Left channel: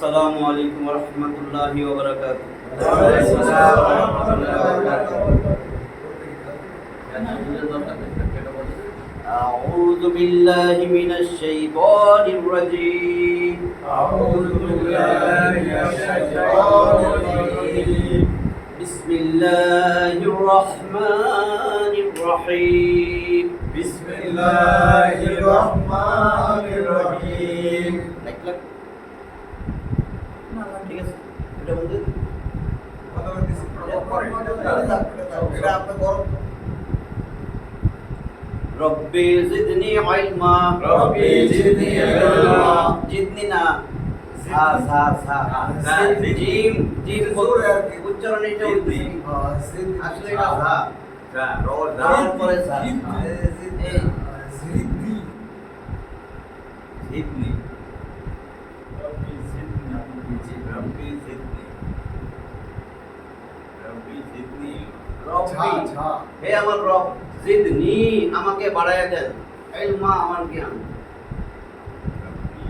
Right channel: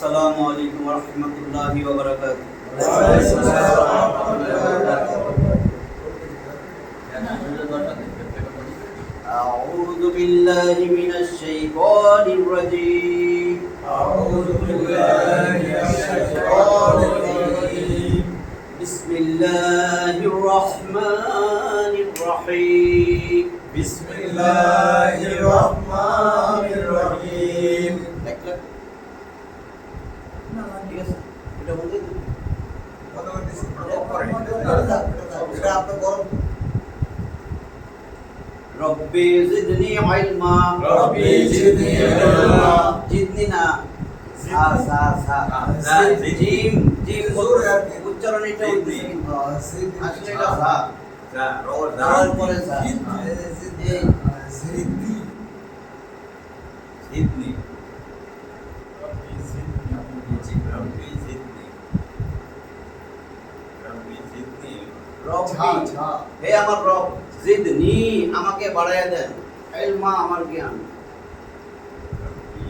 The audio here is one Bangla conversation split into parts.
আসসালামু আলাইকুম ওয়া রাহমাতুল্লাহি ওয়া বারাকাতুহু। ওয়া আলাইকুম আসসালাম ওয়া রাহমাতুল্লাহি ওয়া বারাকাতুহু। أعوذ بالله من الشيطان الرجيم. أعوذ بالله من الشيطان الرجيم. بسم الله الرحمن الرحيم. بسم الله الرحمن الرحيم. ঠিক আছে, এটা বলতে কথা বলতেছি এটা আপনি গরম রব্বি জিদনি ইলমা। রব্বি জিদনি ইলমা। জিদনি না, জিদ- সা জিম জিম জোরে আর কি। উচ্চারণ এটা জিদনি। আসলে এটা সা রোজ তারপরে সা এই জিদনি জিদনি রব্বি জিদনি রব্বি জিদনি রব্বি জিদনি রব্বি ঝা হে আমার রব, জিদনি আমাকে বাড়ায়া দেন, ইলমা আমার জ্ঞান। রব্বি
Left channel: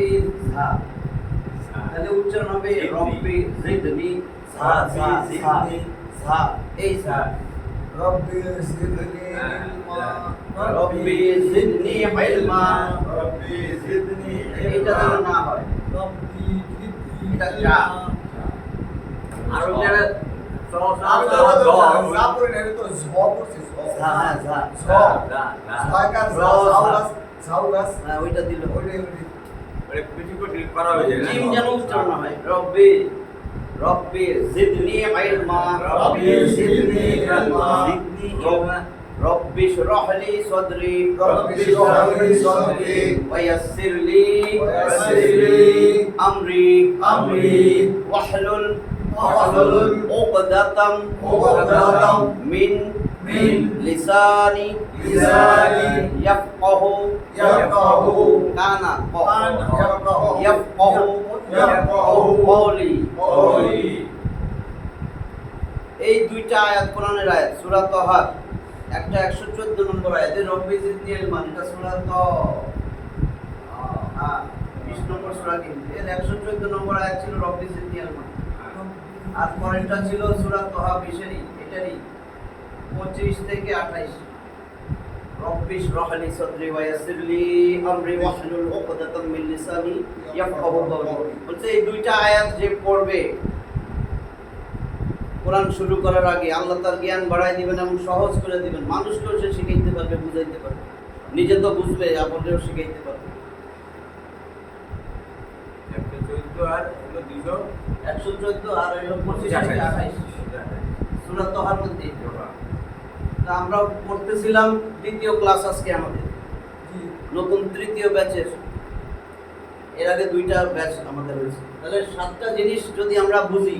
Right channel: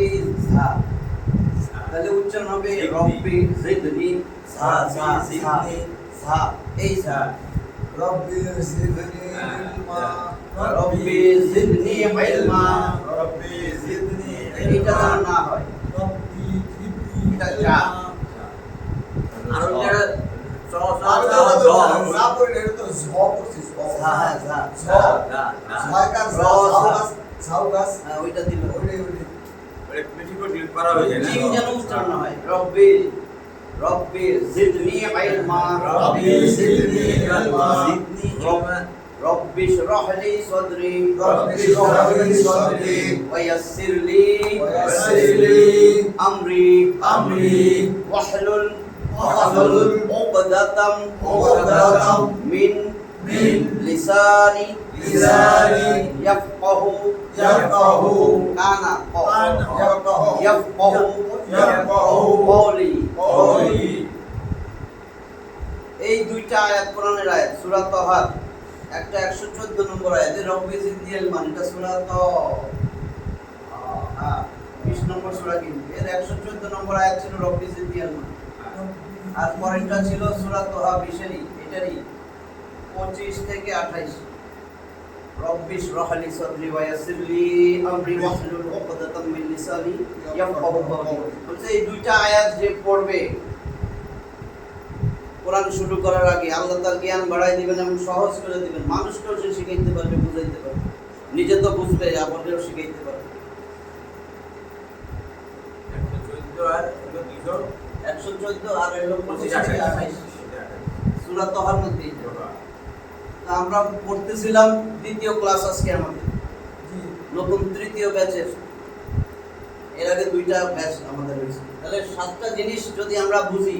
এই সা তাহলে উচ্চারণ হবে জিদনি। রব্বি জিদনি সা সা সা সা এই সা রব্বি জিদনি ইলমা রব্বি জিদনি ইলমা। রব্বি জিদনি এটা যেন না হয়, রব্বি জিদনি এটা যা। আর যারা সা সা পড়লে এটা তো ঝ পড়ছি সা সা ঝ না না ঝাগাস র, ঝাউগাস ঝাউগাস ওইটা দিল, ওইটাই মানে বেশি করে করা হয়ে যায় না জিম যেন উচ্চারণ না হয়। রব্বি রব্বি জিদনি ইলমা। রব্বি জিদনি ইলমা। জিদনি ইলমা رب اشرح لي صدري ربي اشرح لي صدري ويسر لي ويسر لي أمري أمري واحلل واحلل عقدة عقدة من لساني لساني يفقه يفقه كان يفقه قولي। قولي এই দুইটা আয়াত কোরআনের আয়াত, সূরা তাহা। একটা 114 নম্বর আয়াতে রব্বি জিদনি ইলমা, এটা সূরা তাহা 20 নম্বর সূরা, কিন্তু এর 114 নম্বর আয়াত ছিল রব্বি জিদনি ইলমা। আর পরেরটা ছিল সূরা তাহা 20 এটারই 25 থেকে 28। রব্বি ইশরাহ লি সাদরি ওয়া ইয়াসসির লি আমরি ওয়াহলুল উকদাতাম মিন লিসানি ইয়াফকাহু কওলি। বলতে এই দুইটা আয়াত যে পড়বে কোরআন শুরু করার আগে, আল্লাহ তার জ্ঞান বাড়াই দিবেন এবং সহজ করে দিবেন। মানুষকেও সে শিখাইতে পারবে, বুঝাইতে পারবে, নিজে তো বুঝবে, আপনাকেও শিখাইতে পারবে। 114 আর হলো 114 আর হলো 25 থেকে 28 সূরা তাহার মধ্যে। তা আমরা পড়তেছিলাম দ্বিতীয় ক্লাস আজকে আমাদের, নতুন তৃতীয় ব্যাচের। এর আগে দুইটা ব্যাচ আমাদের হয়েছে। তাহলে 7টা জিনিস যদি আমরা বুঝি,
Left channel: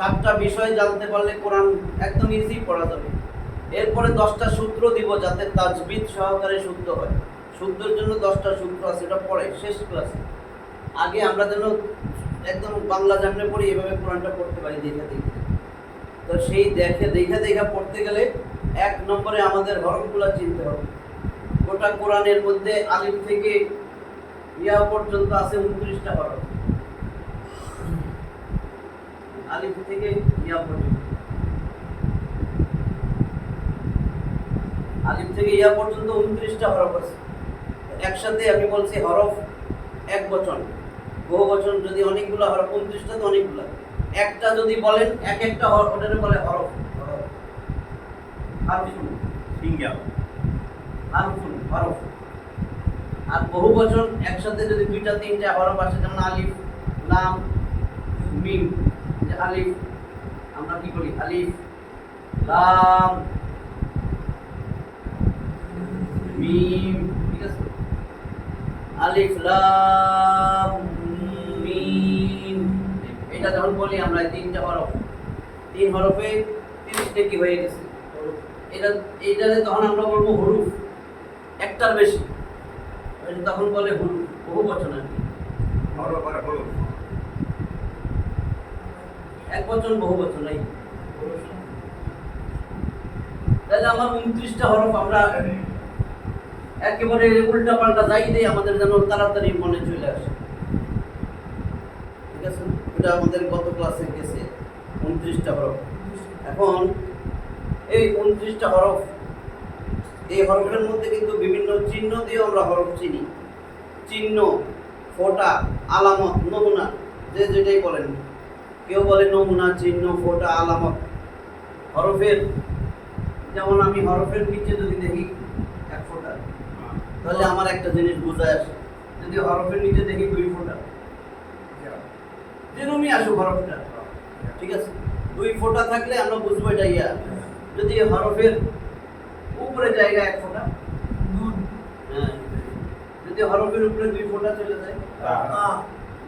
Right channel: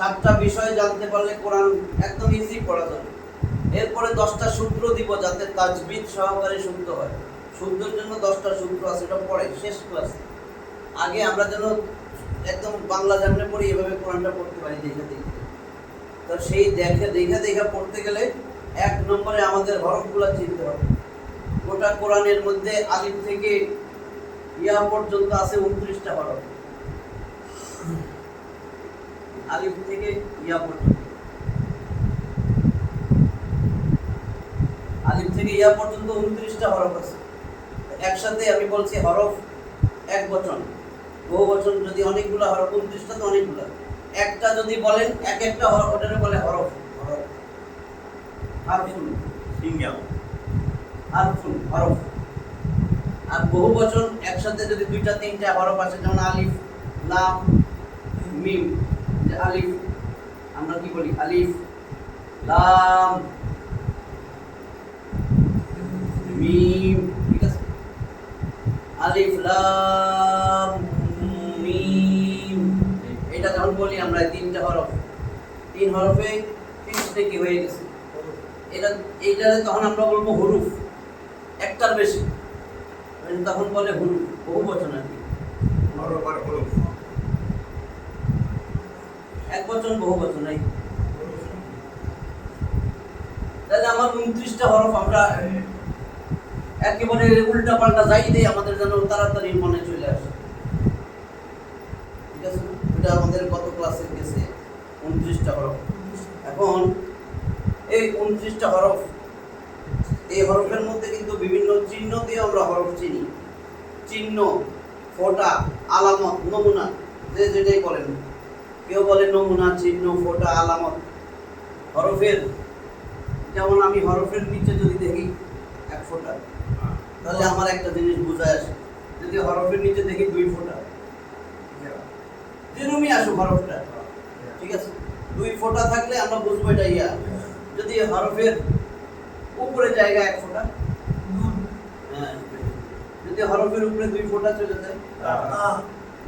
7টা বিষয় জানতে পারলে কোরআন একদম ইজি পড়া যাবে। এরপরে 10টা সূত্র দিব যাতে তাজবিদ সহকারে শুদ্ধ হয়। শুদ্ধর জন্য 10টা সূত্র আছে, এটা পড়ে শেষ ক্লাসে। আগে আমরা যেন একদম বাংলা জানলে পড়ি, এভাবে কোরআনটা পড়তে পারি দেখে দেখে। তো সেই দেখে পড়তে গেলে 1 নম্বরে আমাদের হরফগুলো চিনতে হবে। গোটা কোরআনের মধ্যে আলিফ থেকে ইয়া পর্যন্ত আছে 29টা হরফ। আলিফ থেকে ইয়া পর্যন্ত, আলিফ থেকে ইয়া পর্যন্ত 29টা হরফ আছে। একসাথে আমি বলছি হরফ এক বচন, বহু বচন যদি অনেকগুলো হরফ, 29টা তো অনেকগুলো। একটা যদি বলেন, এক একটা হরফ ওটারে বলে হরফ। হারফুন সিঙ্গেল হারফুন হরফ। আর বহু বচন একসাথে যদি 2টা 3টা হরফ আসে, যেমন আলিফ লাম মিম। যে আলিফ আমরা কি বলি, আলিফ লাম মিম, ঠিক আছে? আলিফ লাম মিম, এটা যখন বলি আমরা 3টা হরফ, 3 হরফে 30টা কি হয়ে গেছে। এইটারে তখন আমরা বলবো হুরুফ, একটার বেশি তখন বলে হুরুফ, বহু বচন আর কি। এক বচন বহু বচন এই। তাহলে আমার 29টা হরফ আমরা একেবারে উল্টা পাল্টা যাই দেয় আমাদের যেন তাড়াতাড়ি মনে চলে আসে। ঠিক আছে, এটা আমাদের গত ক্লাসে গেছে 29টা হরফ। এখন এই 29টা হরফ, এই হরফের মধ্যে কিন্তু বিভিন্ন চিহ্ন দিয়ে আমরা হরফ চিনি। চিহ্ন, ফোঁটা, আলামত, নমুনা, যে যেটাই বলেন। কেউ বলে নমুনা, চিহ্ন, ফোঁটা, আলামত। হরফের, যেমন আমি হরফের নিচে যদি দেখি এক ফোঁটা, তাহলে আমার একটা জিনিস বোঝায় আসে। যদি হরফের নিচে দেখি 2 ফোঁটা, যেরকমই আসুক হরফটা, ঠিক আছে, 2 ফোঁটা থাকলে আমরা বুঝবো এটা ইয়া। যদি হরফের উপরে জায়গা 1 ফোঁটা, হ্যাঁ, যদি হরফের উপরে 2 ফোঁটা চলে যায়,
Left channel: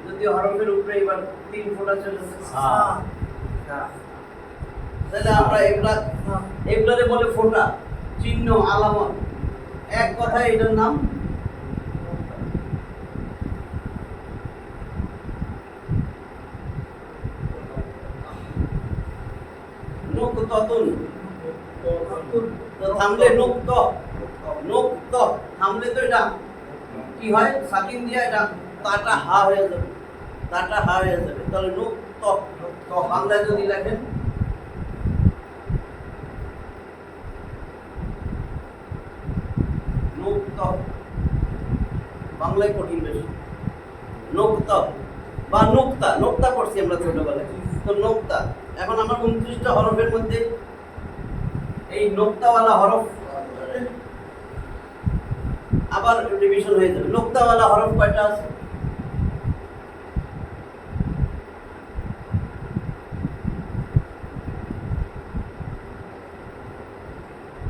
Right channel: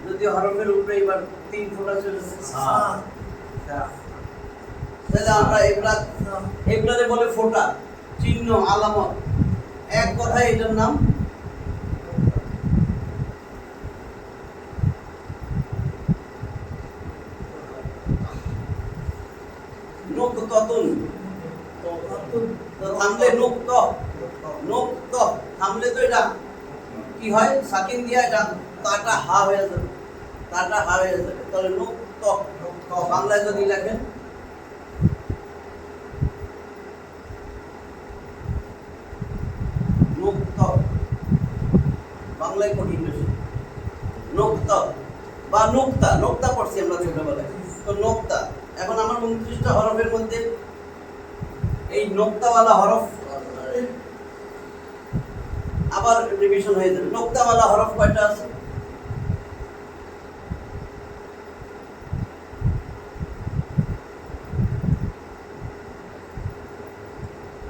যদি হরফের উপরে এবার 3 ফোঁটা চলে যায়, তাহলে আমরা এগুলারে বলে ফোঁটা, চিহ্ন, আলামত। এক কথায় এটার নাম নুকতাতুন। তো থামলে নুকত, নুকত থামলে তো এটা কি হয়, সাকিন দিয়া এটা তাটা হা হয়ে যাবে, তাটা হা হয়ে যাবে। তাহলে নুকত, বাংলায় যদি লেখেন নুকত, বাংলায় কঠিন বেশি। নুকত বা নুক্তা, নুক্তা পড়ছি আমরা ছোটবেলায়, তো নুক্তা। এখন আমার 29টা হরফের মধ্যে এই নুক্তাওয়ালা হরফ আবার রিভিশন হয়ে যাবে। নুক্তাওয়ালা হরফ কয়টা আছে?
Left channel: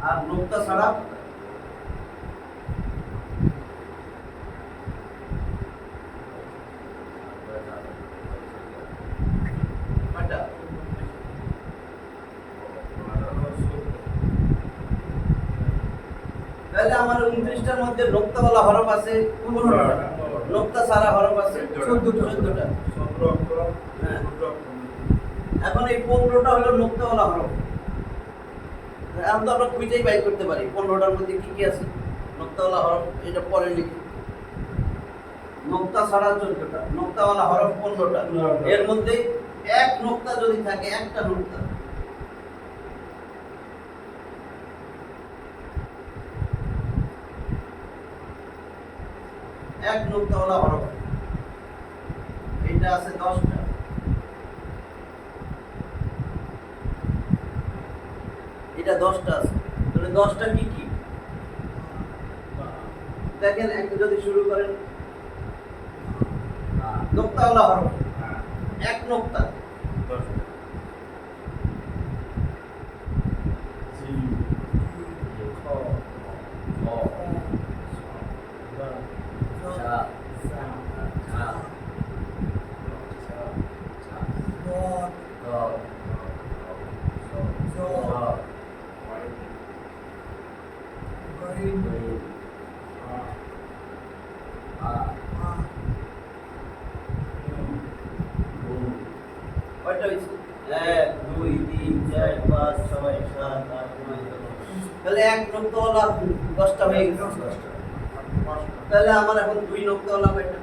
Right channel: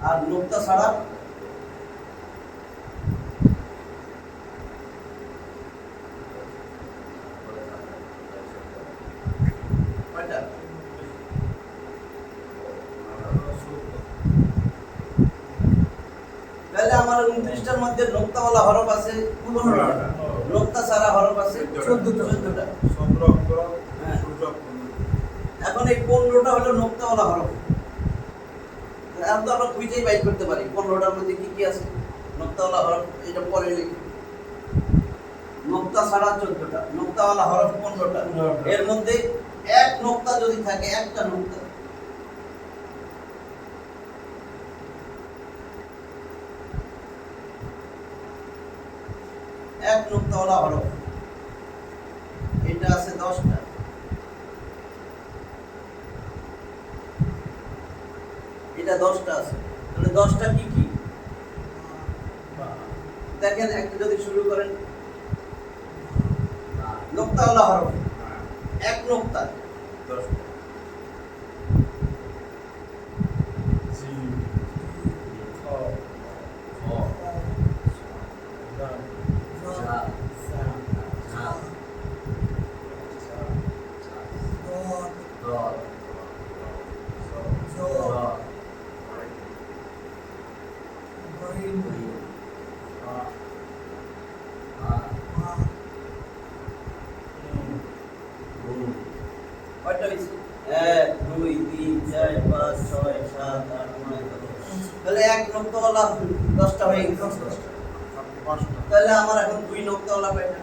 আর নুক্তা ছাড়া কয়টা? তাহলে আমার 29টার মধ্যে নুক্তাওয়ালা হরফ আছে 15টা, নুক্তা ছাড়া হরফ আছে 14টা। হ্যাঁ, এখন এই 15টা হলো নুক্তাওয়ালা হরফ। এখন তো আমরা খুঁজেই বাইর করতে পারি 15টার মধ্যে কি কি আছে। নুক্তাওয়ালা হরফ এটা পরে লিখি। নুক্তা ছাড়া 14টা, নুক্তাওয়ালা হরফ 15টা। এর মধ্যে এক নুক্তা যদি থাকে, একটা নুক্তা, এক নুক্তাওয়ালা হরফ, এটা আছে 10টা। এটা 10টা আছে। তাহলে 10টা কি কি দেখেন। একটা যদি শুরু করেন নুক্তাওয়ালা হরফ, এক নুক্তা, কয়টা হয়েছে? 1 2 3 4 5 6 7 8 9 10। তাহলে এক নুক্তাওয়ালা 10টা হয়ে গেছে। তাহলে আমার এখন 2 নুক্তাওয়ালা কয়টা?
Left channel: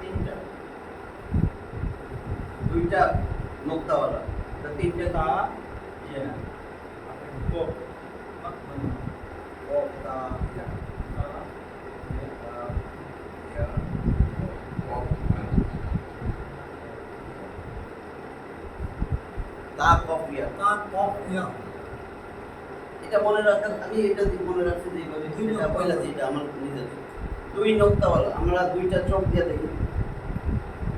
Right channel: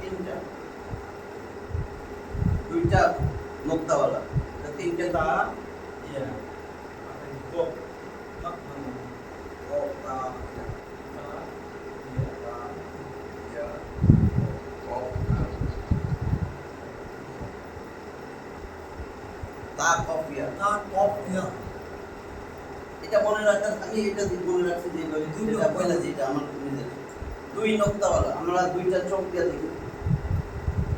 তিনটা, 2টা নুক্তাওয়ালা, তা 3টা তা এটা মনে রাখার, আমি এটা মনে রাখছি যেভাবে, এটা পয়লা যেটা আমার নিজের 2 নুক্তাওয়ালা। আমরা 2টা চোখ দিয়ে দেখি,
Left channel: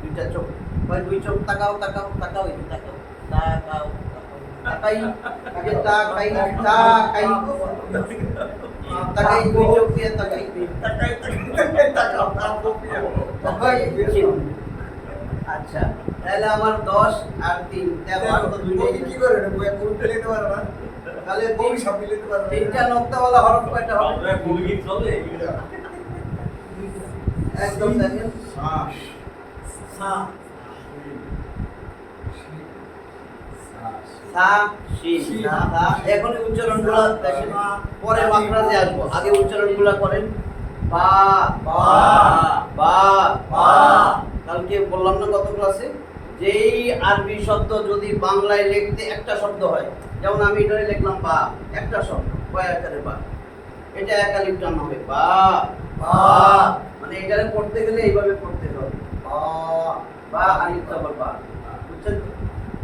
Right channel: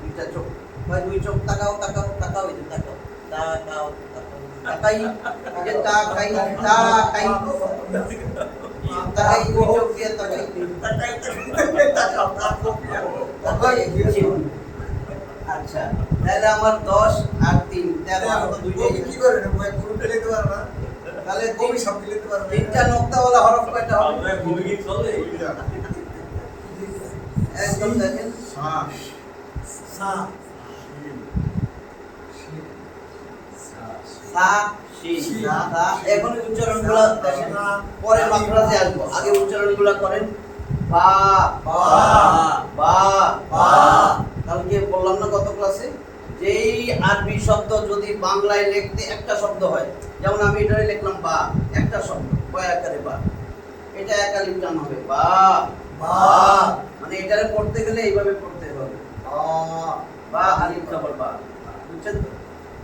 2টা চোখ, ভাই 2 চোখ তাকাও তাকাও তাকাও, এই যে তাকাও তাকাও তাকাই, এই যে তাকাই তাকাই তাকাই, 2 চোখ দিয়ে তাকাই তাকাই তাকাও তাকাই। আচ্ছা, তাহলে আমার 10 আর 3 13, আর তো 2টাই কি করে না বই কোনটা লিখতে পারবা? তাহলে কবি শব্দ লিখতে পারবা? 3টা নুক্তাওয়ালা হরফ কয়টা হবে? একদম দেখেন, সা শিন সা। এখন উচ্চারণগুলো দেখেন, পরে মাখরাজে আসবো, আগে উচ্চারণগুলো করেন। বা বা বা বা। কালকে বললাম না গত ক্লাসে, যেই আরবি শব্দ যদি বাংলায় লিখতে একটা শব্দ হয়, যেমন আমি এটারে লিখলাম বা, একটা শব্দ কয় আকারে বা, এটা এক আলিফ টান হবে বা বা মানে এটারে পড়তে গেলে এইভাবে পড়তে হবে, বা বা আলিফ জবর বা, বুঝছেন তো?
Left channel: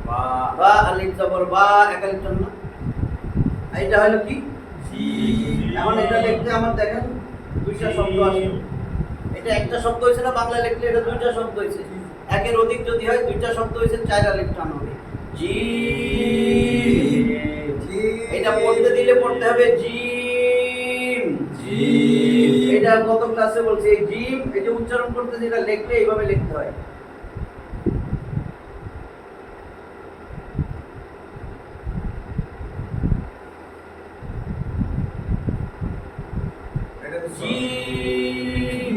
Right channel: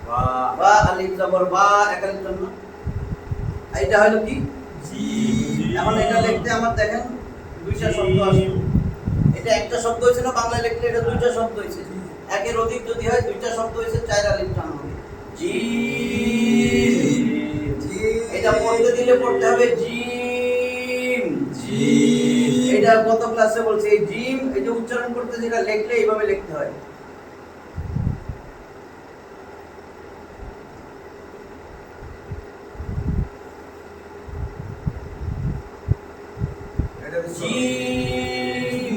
বা বা আলিফ জবর বা এক আলিফ টান না, এটা হলো কি জিম। এখন এটা লিখতে আমার দেখেন দুইটা শব্দ আসলো, এটা একটা শব্দ হয়েছে না বাংলায় লিখলে, এটা দুইটা শব্দ হয়েছে, একের অধিক যদি হয় দুইটা শব্দ হয়েছে, চার আলিফ টান হবে জিম। এটা পড়তে দিলে পড়তে হবে জিম জিম। এটা গত ক্লাসে বলছি, এই জিম এটা উচ্চারণ করতে যেটা লিখলে এইভাবে লিখতে হয়। এটা তো জিম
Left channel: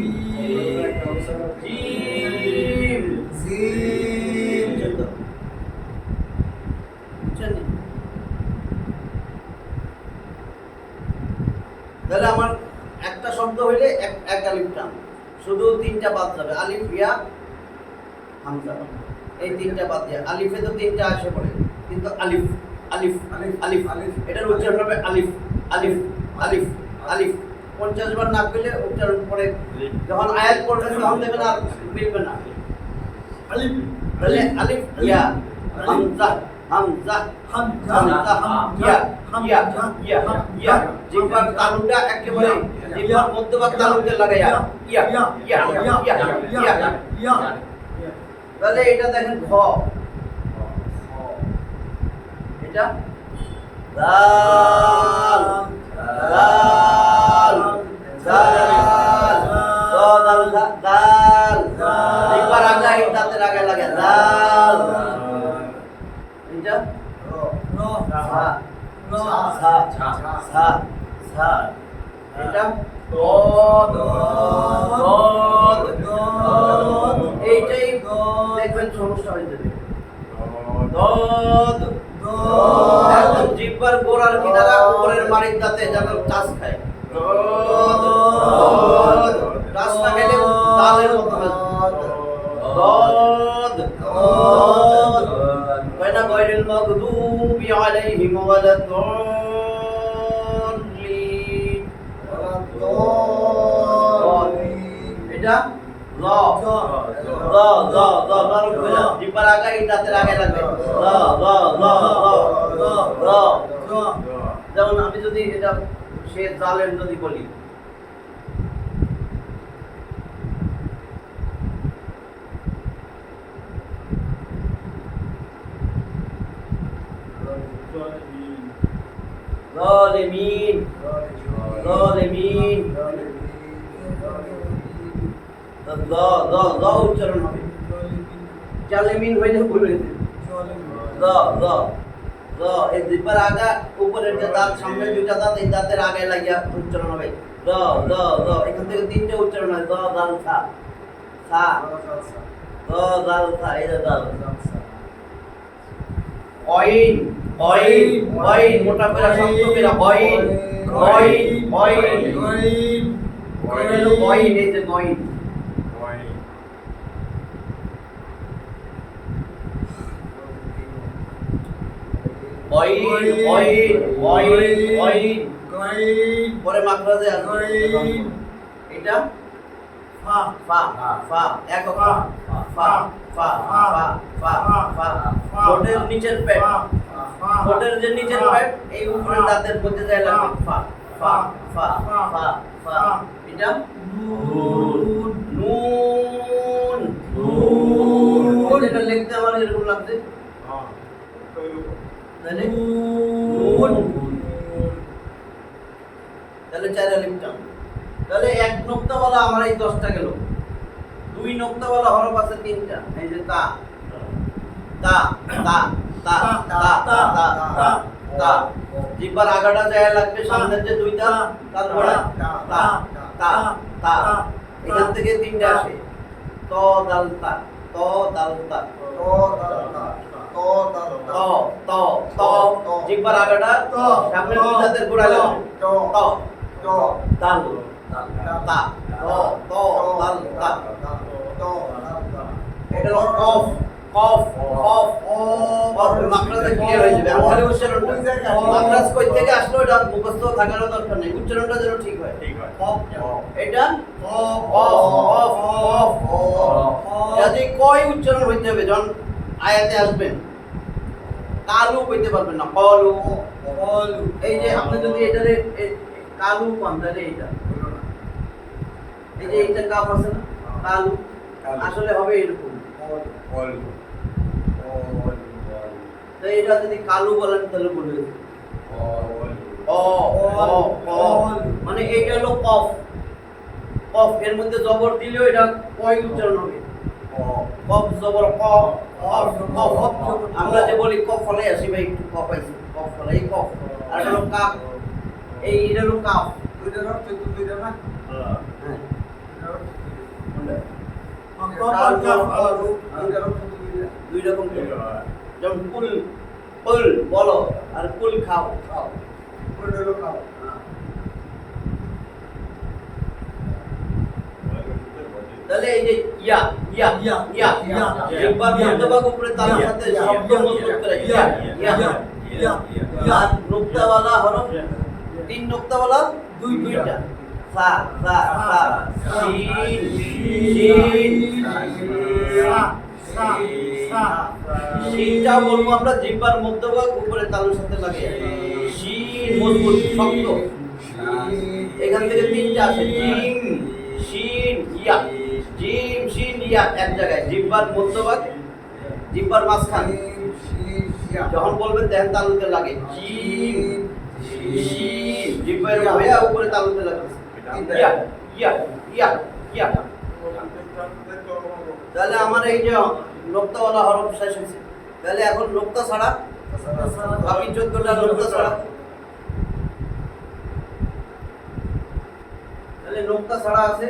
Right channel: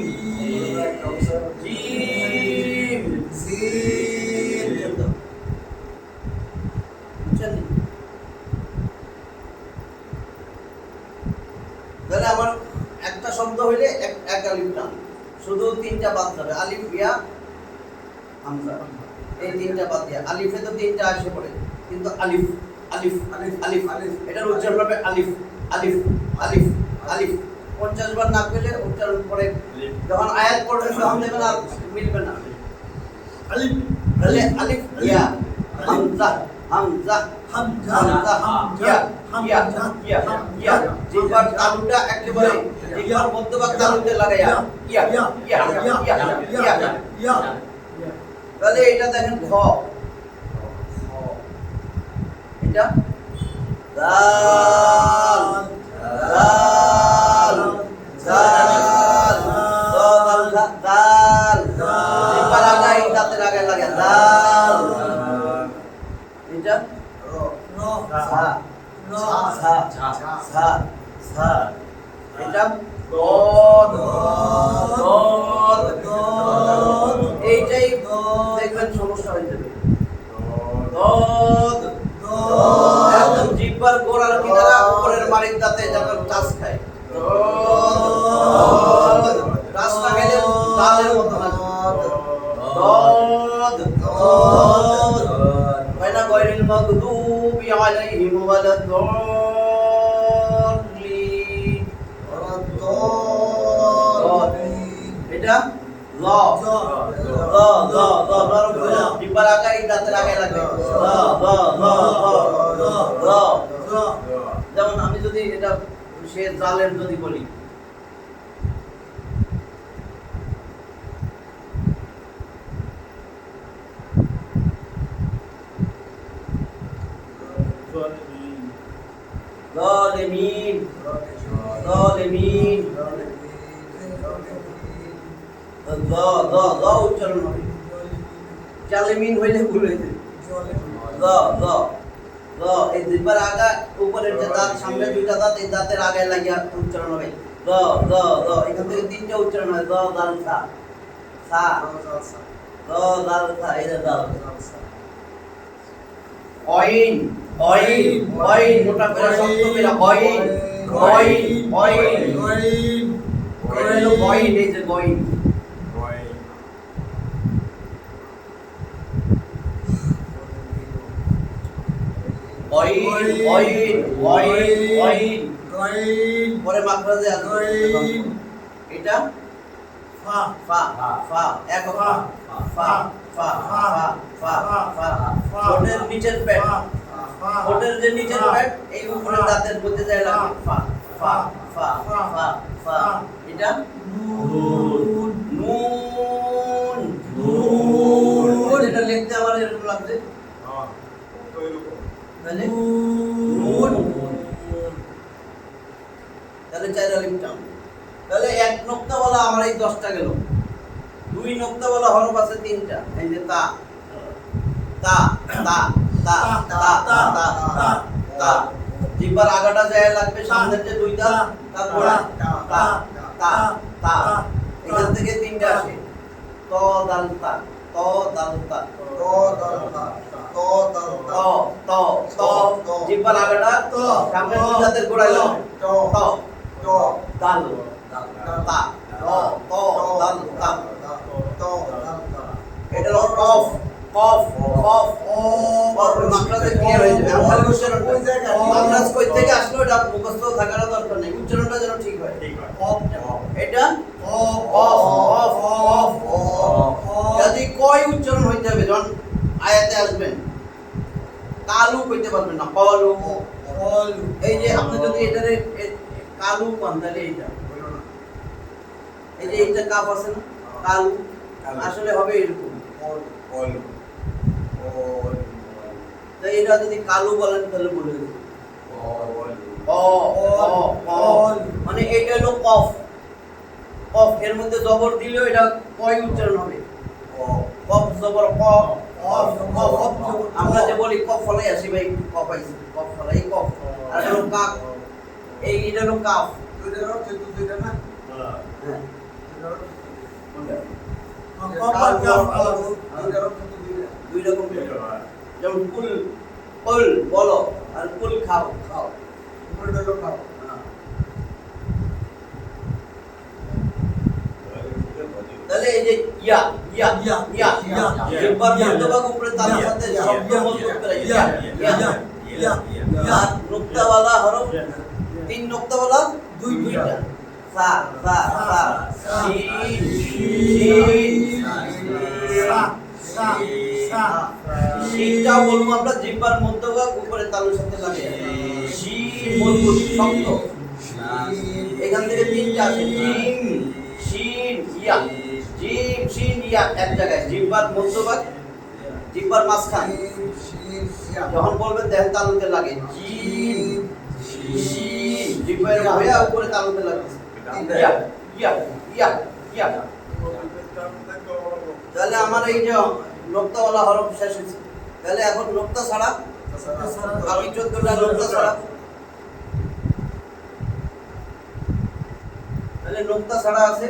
জিম জিম। বুঝছেন? তাহলে আমার একটা শব্দ হইলে এক আলিফ টান, শুধু তিনটা বাদ যাবে, আলিফ ইয়া হামজা, এই তিনটা বাদ দিয়া, আলিফে তো তিনটা আসে পড়ে, কিন্তু আলিফ আলিফ আলিফ, আলিফ আলিফ। এটার উচ্চারণ হবে আলিফ আলিফ আলিফ আলিফ। 50 বার না পেলে উচ্চারণ পরে যখন আয়াত পড়বেন তখন দেখবেন আর মিলবে না। আলিফ তাহলে আলিফ ইয়া হামজা হামজা হামজা হামজা ইয়া ইয়া ইয়া ইয়া, জিহ্বার তালুটা একেবারে জিহ্বার মধ্যভাগ তালুতে লাগায়া ইয়া ইয়া ইয়া ইয়া ইয়া। তাহলে এটা দেখেন খ, এটা দাল দাল দাল দাল দাল, জিহ্বার আগায় দাঁতের আগায় লাগে দাল। এটা সা সা সা সা, এটা দদ দদ, এইটাই দেখবেন সমস্যা হয়ে যাবে, দদ একদম জিহ্বার গোড়ার কিনারা উপরের মাড়ির দাঁতে যেন টাচ খায়, দদ টাচ না খেলে দালের মতো লাগবে, দদ দদ ওয়ালা গায়রিল মাগদুবি আলাইহিম ওয়ালাদ-দাল্লিন। এটা ল ল ল ল নরম করে জিহ্বার আগায় দাঁতের আগে লাগবে, ল ল ল ল ল। যেমন আমি যদি এটা সে জালেম যদি বলি, জালিমিন জালিমিন, ল ল ল উচ্চারণ হবে, জালিমিন হইলে ভুল হয়ে যাবে, ল ল ল এই জিহ্বার আগা উপরের যে দাঁত, সামনে দুইটা দাঁত, এই দাঁতের আগে লাগিয়া উচ্চারণ হবে, ল ল ল, এখান থেকে তিনটা উচ্চারণ হয়, ল দাল সা সা, ল দাল সা, এটা দাল। অইন অইন অইন, মোটা করে শক্ত করে অইন অইন অইন, এটা হলো অইন, এই যে অইন। অইন অইন অইন অইন, পরে মাখরাজে আসবে, এটা ফা ফা ফা, এক ফা ফা ফা ফা ফা ফা, ঠোঁটের নিচের পেট, ঠোঁটের যে নিচের পেট এই উপরের দাঁতের মধ্যে যায় লাগবে, ফা ফা ফা ফা ফা, এটা নুন নুন নুন, এটা লিখতে আমার এরকম লাগছে, তাহলে নুন, তাহলে চার আলিফ টান। তাহলে এক নোক্তাওয়ালা আমার এই 10টা গেল, দুই নোক্তাওয়ালা হরফ আছে 3টা, এই যে তা তা তা তা তা তা তা তা, জিহ্বার আগাটা যায় লাগবে সামনের যে দুইটা, তারপরে তা তা তা, এখান থেকে 3টা আসে, ত দাল তা ত দাল তা ত দাল তা ত দাল ত তা ত ত জিহ্বার আগাটা ত সামনে দুই দাঁতের গোড়ায় লাগবে ত ত ত দাল তা ত ত দাল তা ত দাল তা এটা হলো কফ কফ কফ কফ মাকড়াতে ক্লিয়ার হয়ে যাবে আমি খালি উচ্চারণটা মাকড়াস কই থেকে আসলো এটা মুখস্থ থাকার দরকার নেই উচ্চারণটা যেন ঠিক হয় ঠিক হয় কফ এটা কফ কফ কফ যদি কই উচ্চারণ হইতে হবে যখন আয়াতে আসবেন কালু কইতে পারবেন না কলু কলু এই যে আপনি যদি এটারে কালু পান তাহলে এইটা এই যে এইটা কাপ আছে না কালু আসলে হবে এরকম কল তো এটা যদি কালু বলেন তাহলে বলে দেব। অ অ অ মানে এইটা হলো কফ কফ এর মধ্যে জবর দিলেও এটা কয় উচ্চারণ হবে কফ জবর ক কফ আমরা যে বলি কফ ফলাই আসি ভাই একটু কফ আইছি কফ ফলাই কফ আর এটা হলো কাপ এই এটা হলো কাফ দুইটার অর্থ তো দুইটা না হ্যাঁ কোনটা? কফ আর কাফ আলাদা দুইটার অর্থ তো দুইটা দুই রকম যেমন কুল কুল বলো আর কুল খাও খাও দুইটার অর্থ খাও তাহলে এই যে ইয়া ইয়া ইয়া, ইয়া ইয়া, একবার ইয়া, মধ্যভাগ উপরে তার সাথে ইয়া, শব্দ ইয়া, মজবুত করে ইয়া, ইয়া ইয়া ইয়া, ইয়া, আর নুক্তাওয়ালা হরফ তিন নুক্তাওয়ালা দুইটা সা সা সা শিন শিন শিনটাও বলবো আমরা জিহ্বার মধ্যভাগ উপরে তালুর সাথে লাগিয়ে শিন মজবুত শব্দ এখান থেকে তিনটা আসে জিম শিন ইয়া জিম শিন ইয়া এক জায়গায় জিহ্বার মধ্যভাগ জিহ্বার মাঝখান যখন বলবেন দেখেন তালুতে লাগে জিম শিন জিহ্বার হয়ে উপরে তালুতে লাগে ইয়া ইয়া ইয়া ইয়া তাহলে আমার এই যে নোক্তাওয়ালা হরফ শেষ হয়েছে তাহলে এখন নোক্তা ছাড়া বাকি 14টা নোক্তা ছাড়া তাহলে নোক্তা ছাড়া আছে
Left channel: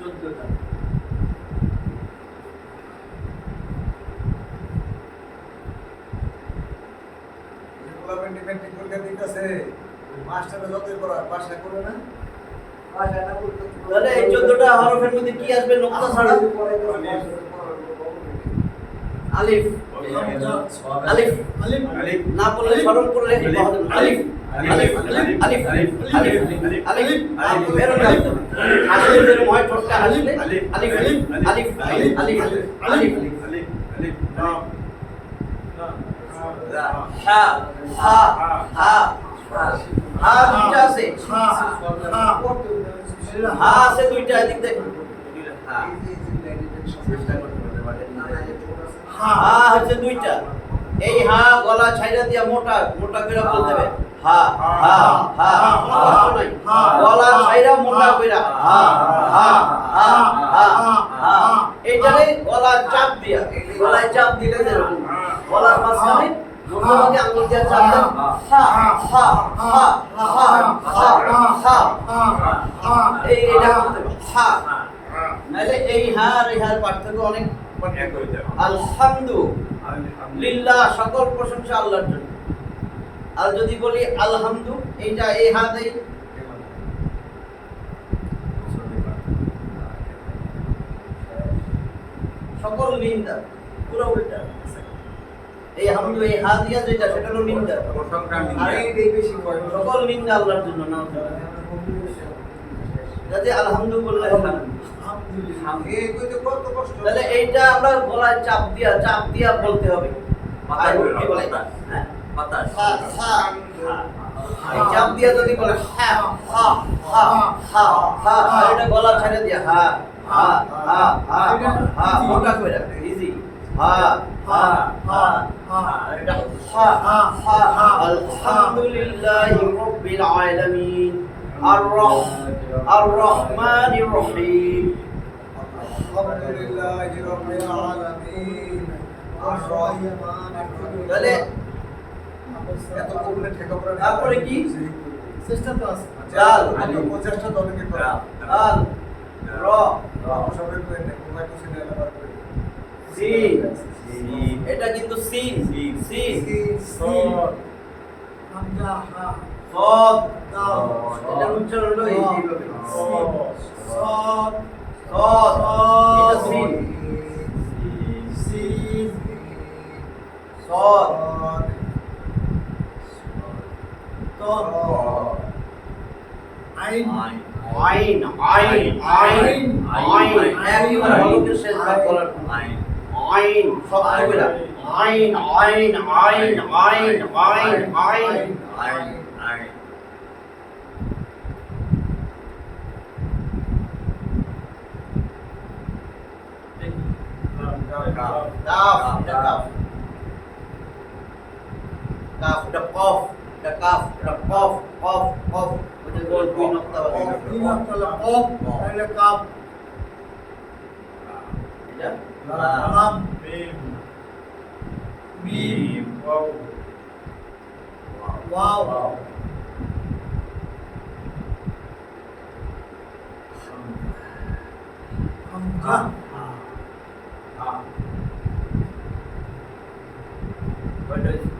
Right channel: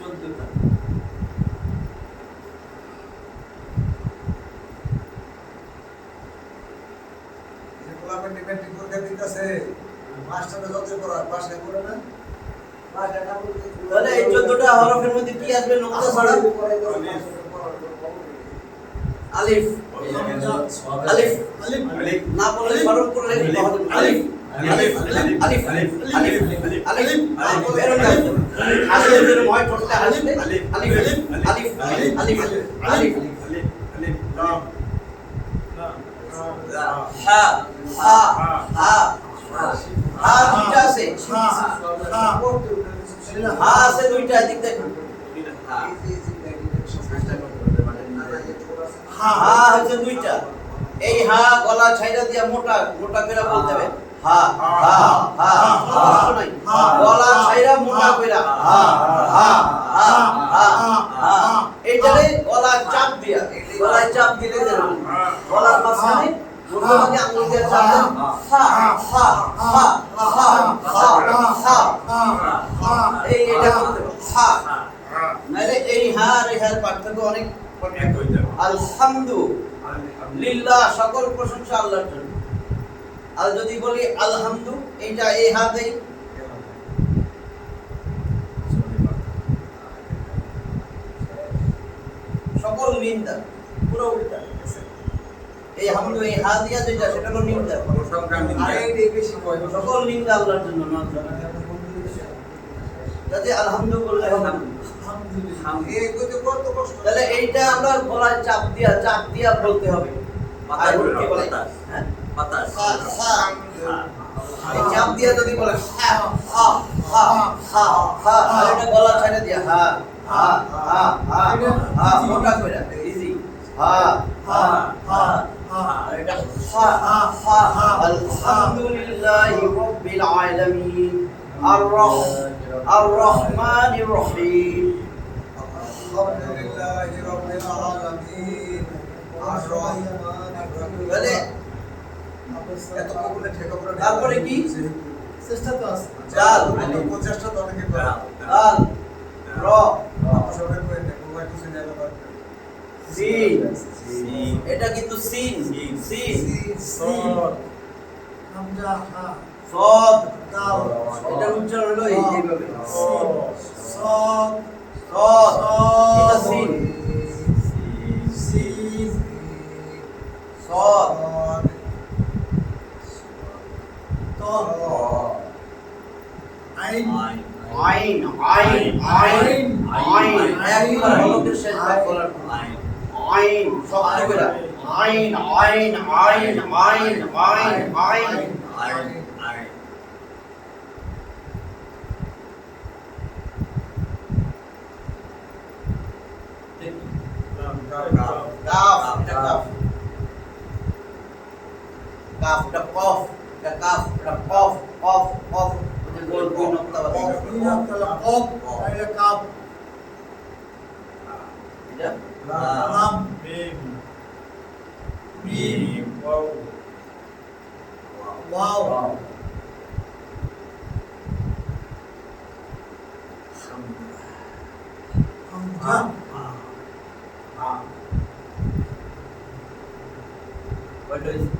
14টা মাস্টারটা যতই করা বাসা করে না তাহলে এই 14টা হরফের মধ্যে কি আসবে নোক্তা ছাড়া আলিফ আলিফ আলিফ না বললে স্মরণ করলে আলিফ আলিফ আলিফ আলিফ আলিফ আলিফ এরকম আসলে যদি ময় ঠোঁটটা আসলে আলিফ আলিফ আলিফ আলিফ আলিফ হা হা হা হা দুইটা আছে হা আছে দুইটা এদিক দেখুন হা হচ্ছে দুইটা এই হা গলা ছাইরা দিয়া মোটা মোটা করে বলতে হবে হা হা হা কষ্ট নাই গলা ছাইরা মোটা কইরা হা হা হা হা হা এইটারে গলা চাপ দিয়া গলায় চাপ দিলে যেরকম গলার মাঝখানে মোটামুটি আঙ্গুল দিয়ে চাপ দেন হা হা হা হা হা হা এই এটা বলতে হবে হা নাইলে এই হা আর এই হার পার্থক্য অনেক আলহামদুলিল্লাহ সকল প্রশংসা আল্লাহর জন্য আর যদি বলি আলহামদু এইটা এই হাতেই সকল নিন্দা পুরো উল্টা এই হামদু এই হা দিয়া যেটা সেটা হলো নিন্দা সকল নিন্দা আল্লাহর জন্য না যাতে আলহামদু বললে হবে তাহলে এইটা আমরা গলায় চাপ দিয়া বলতে হবে আর কি বলে হ্যাঁ বাতাস এই চাপ দিয়া যদি বলে হা হা হা হা হা এটা গলা ছেড়ে দিয়া হা হা হা হা হা মোটা কইরা ইজি হা হা হা হা এটা হা হা আলহামদুলিল্লাহি রাব্বিল আলামিন আর রহমানির রহিম আলহামদুলিল্লাহি রাব্বিল আলামিন আর রহমানির রহিম তাহলে এত কবুলে ঠেকা পড়া তারপরে কি চেষ্টা তো আছে দাল প্রচেষ্টা তো অনেকে করে দাল র সবাই কই না কোবাটি সিনে আলাদা সিন সিন এটা কিন্তু সিন সিন সিন সদ হামজা হা সদ কাফ এটা উচ্চারণ হলো এইভাবে সদ সদ এটা সিন সিন সদ ত আইন আইন আইন আইন আইন একবার হলকের শেষ ভাগ করার আইন আইন শব্দ করে আইন আইন আইন আইন আইন আইন আইন আইন কাফ এটা কাফ কাফ এটা কফ এটা কাফ এটা কফ কফ কফ ওই যে গোল দুই নক্তা বাকি ইনা কালা কফ তাহলে কাফ এটা লাম মিম মিম ওয়াও ওয়াও হামজা কয়টা হয়েছে?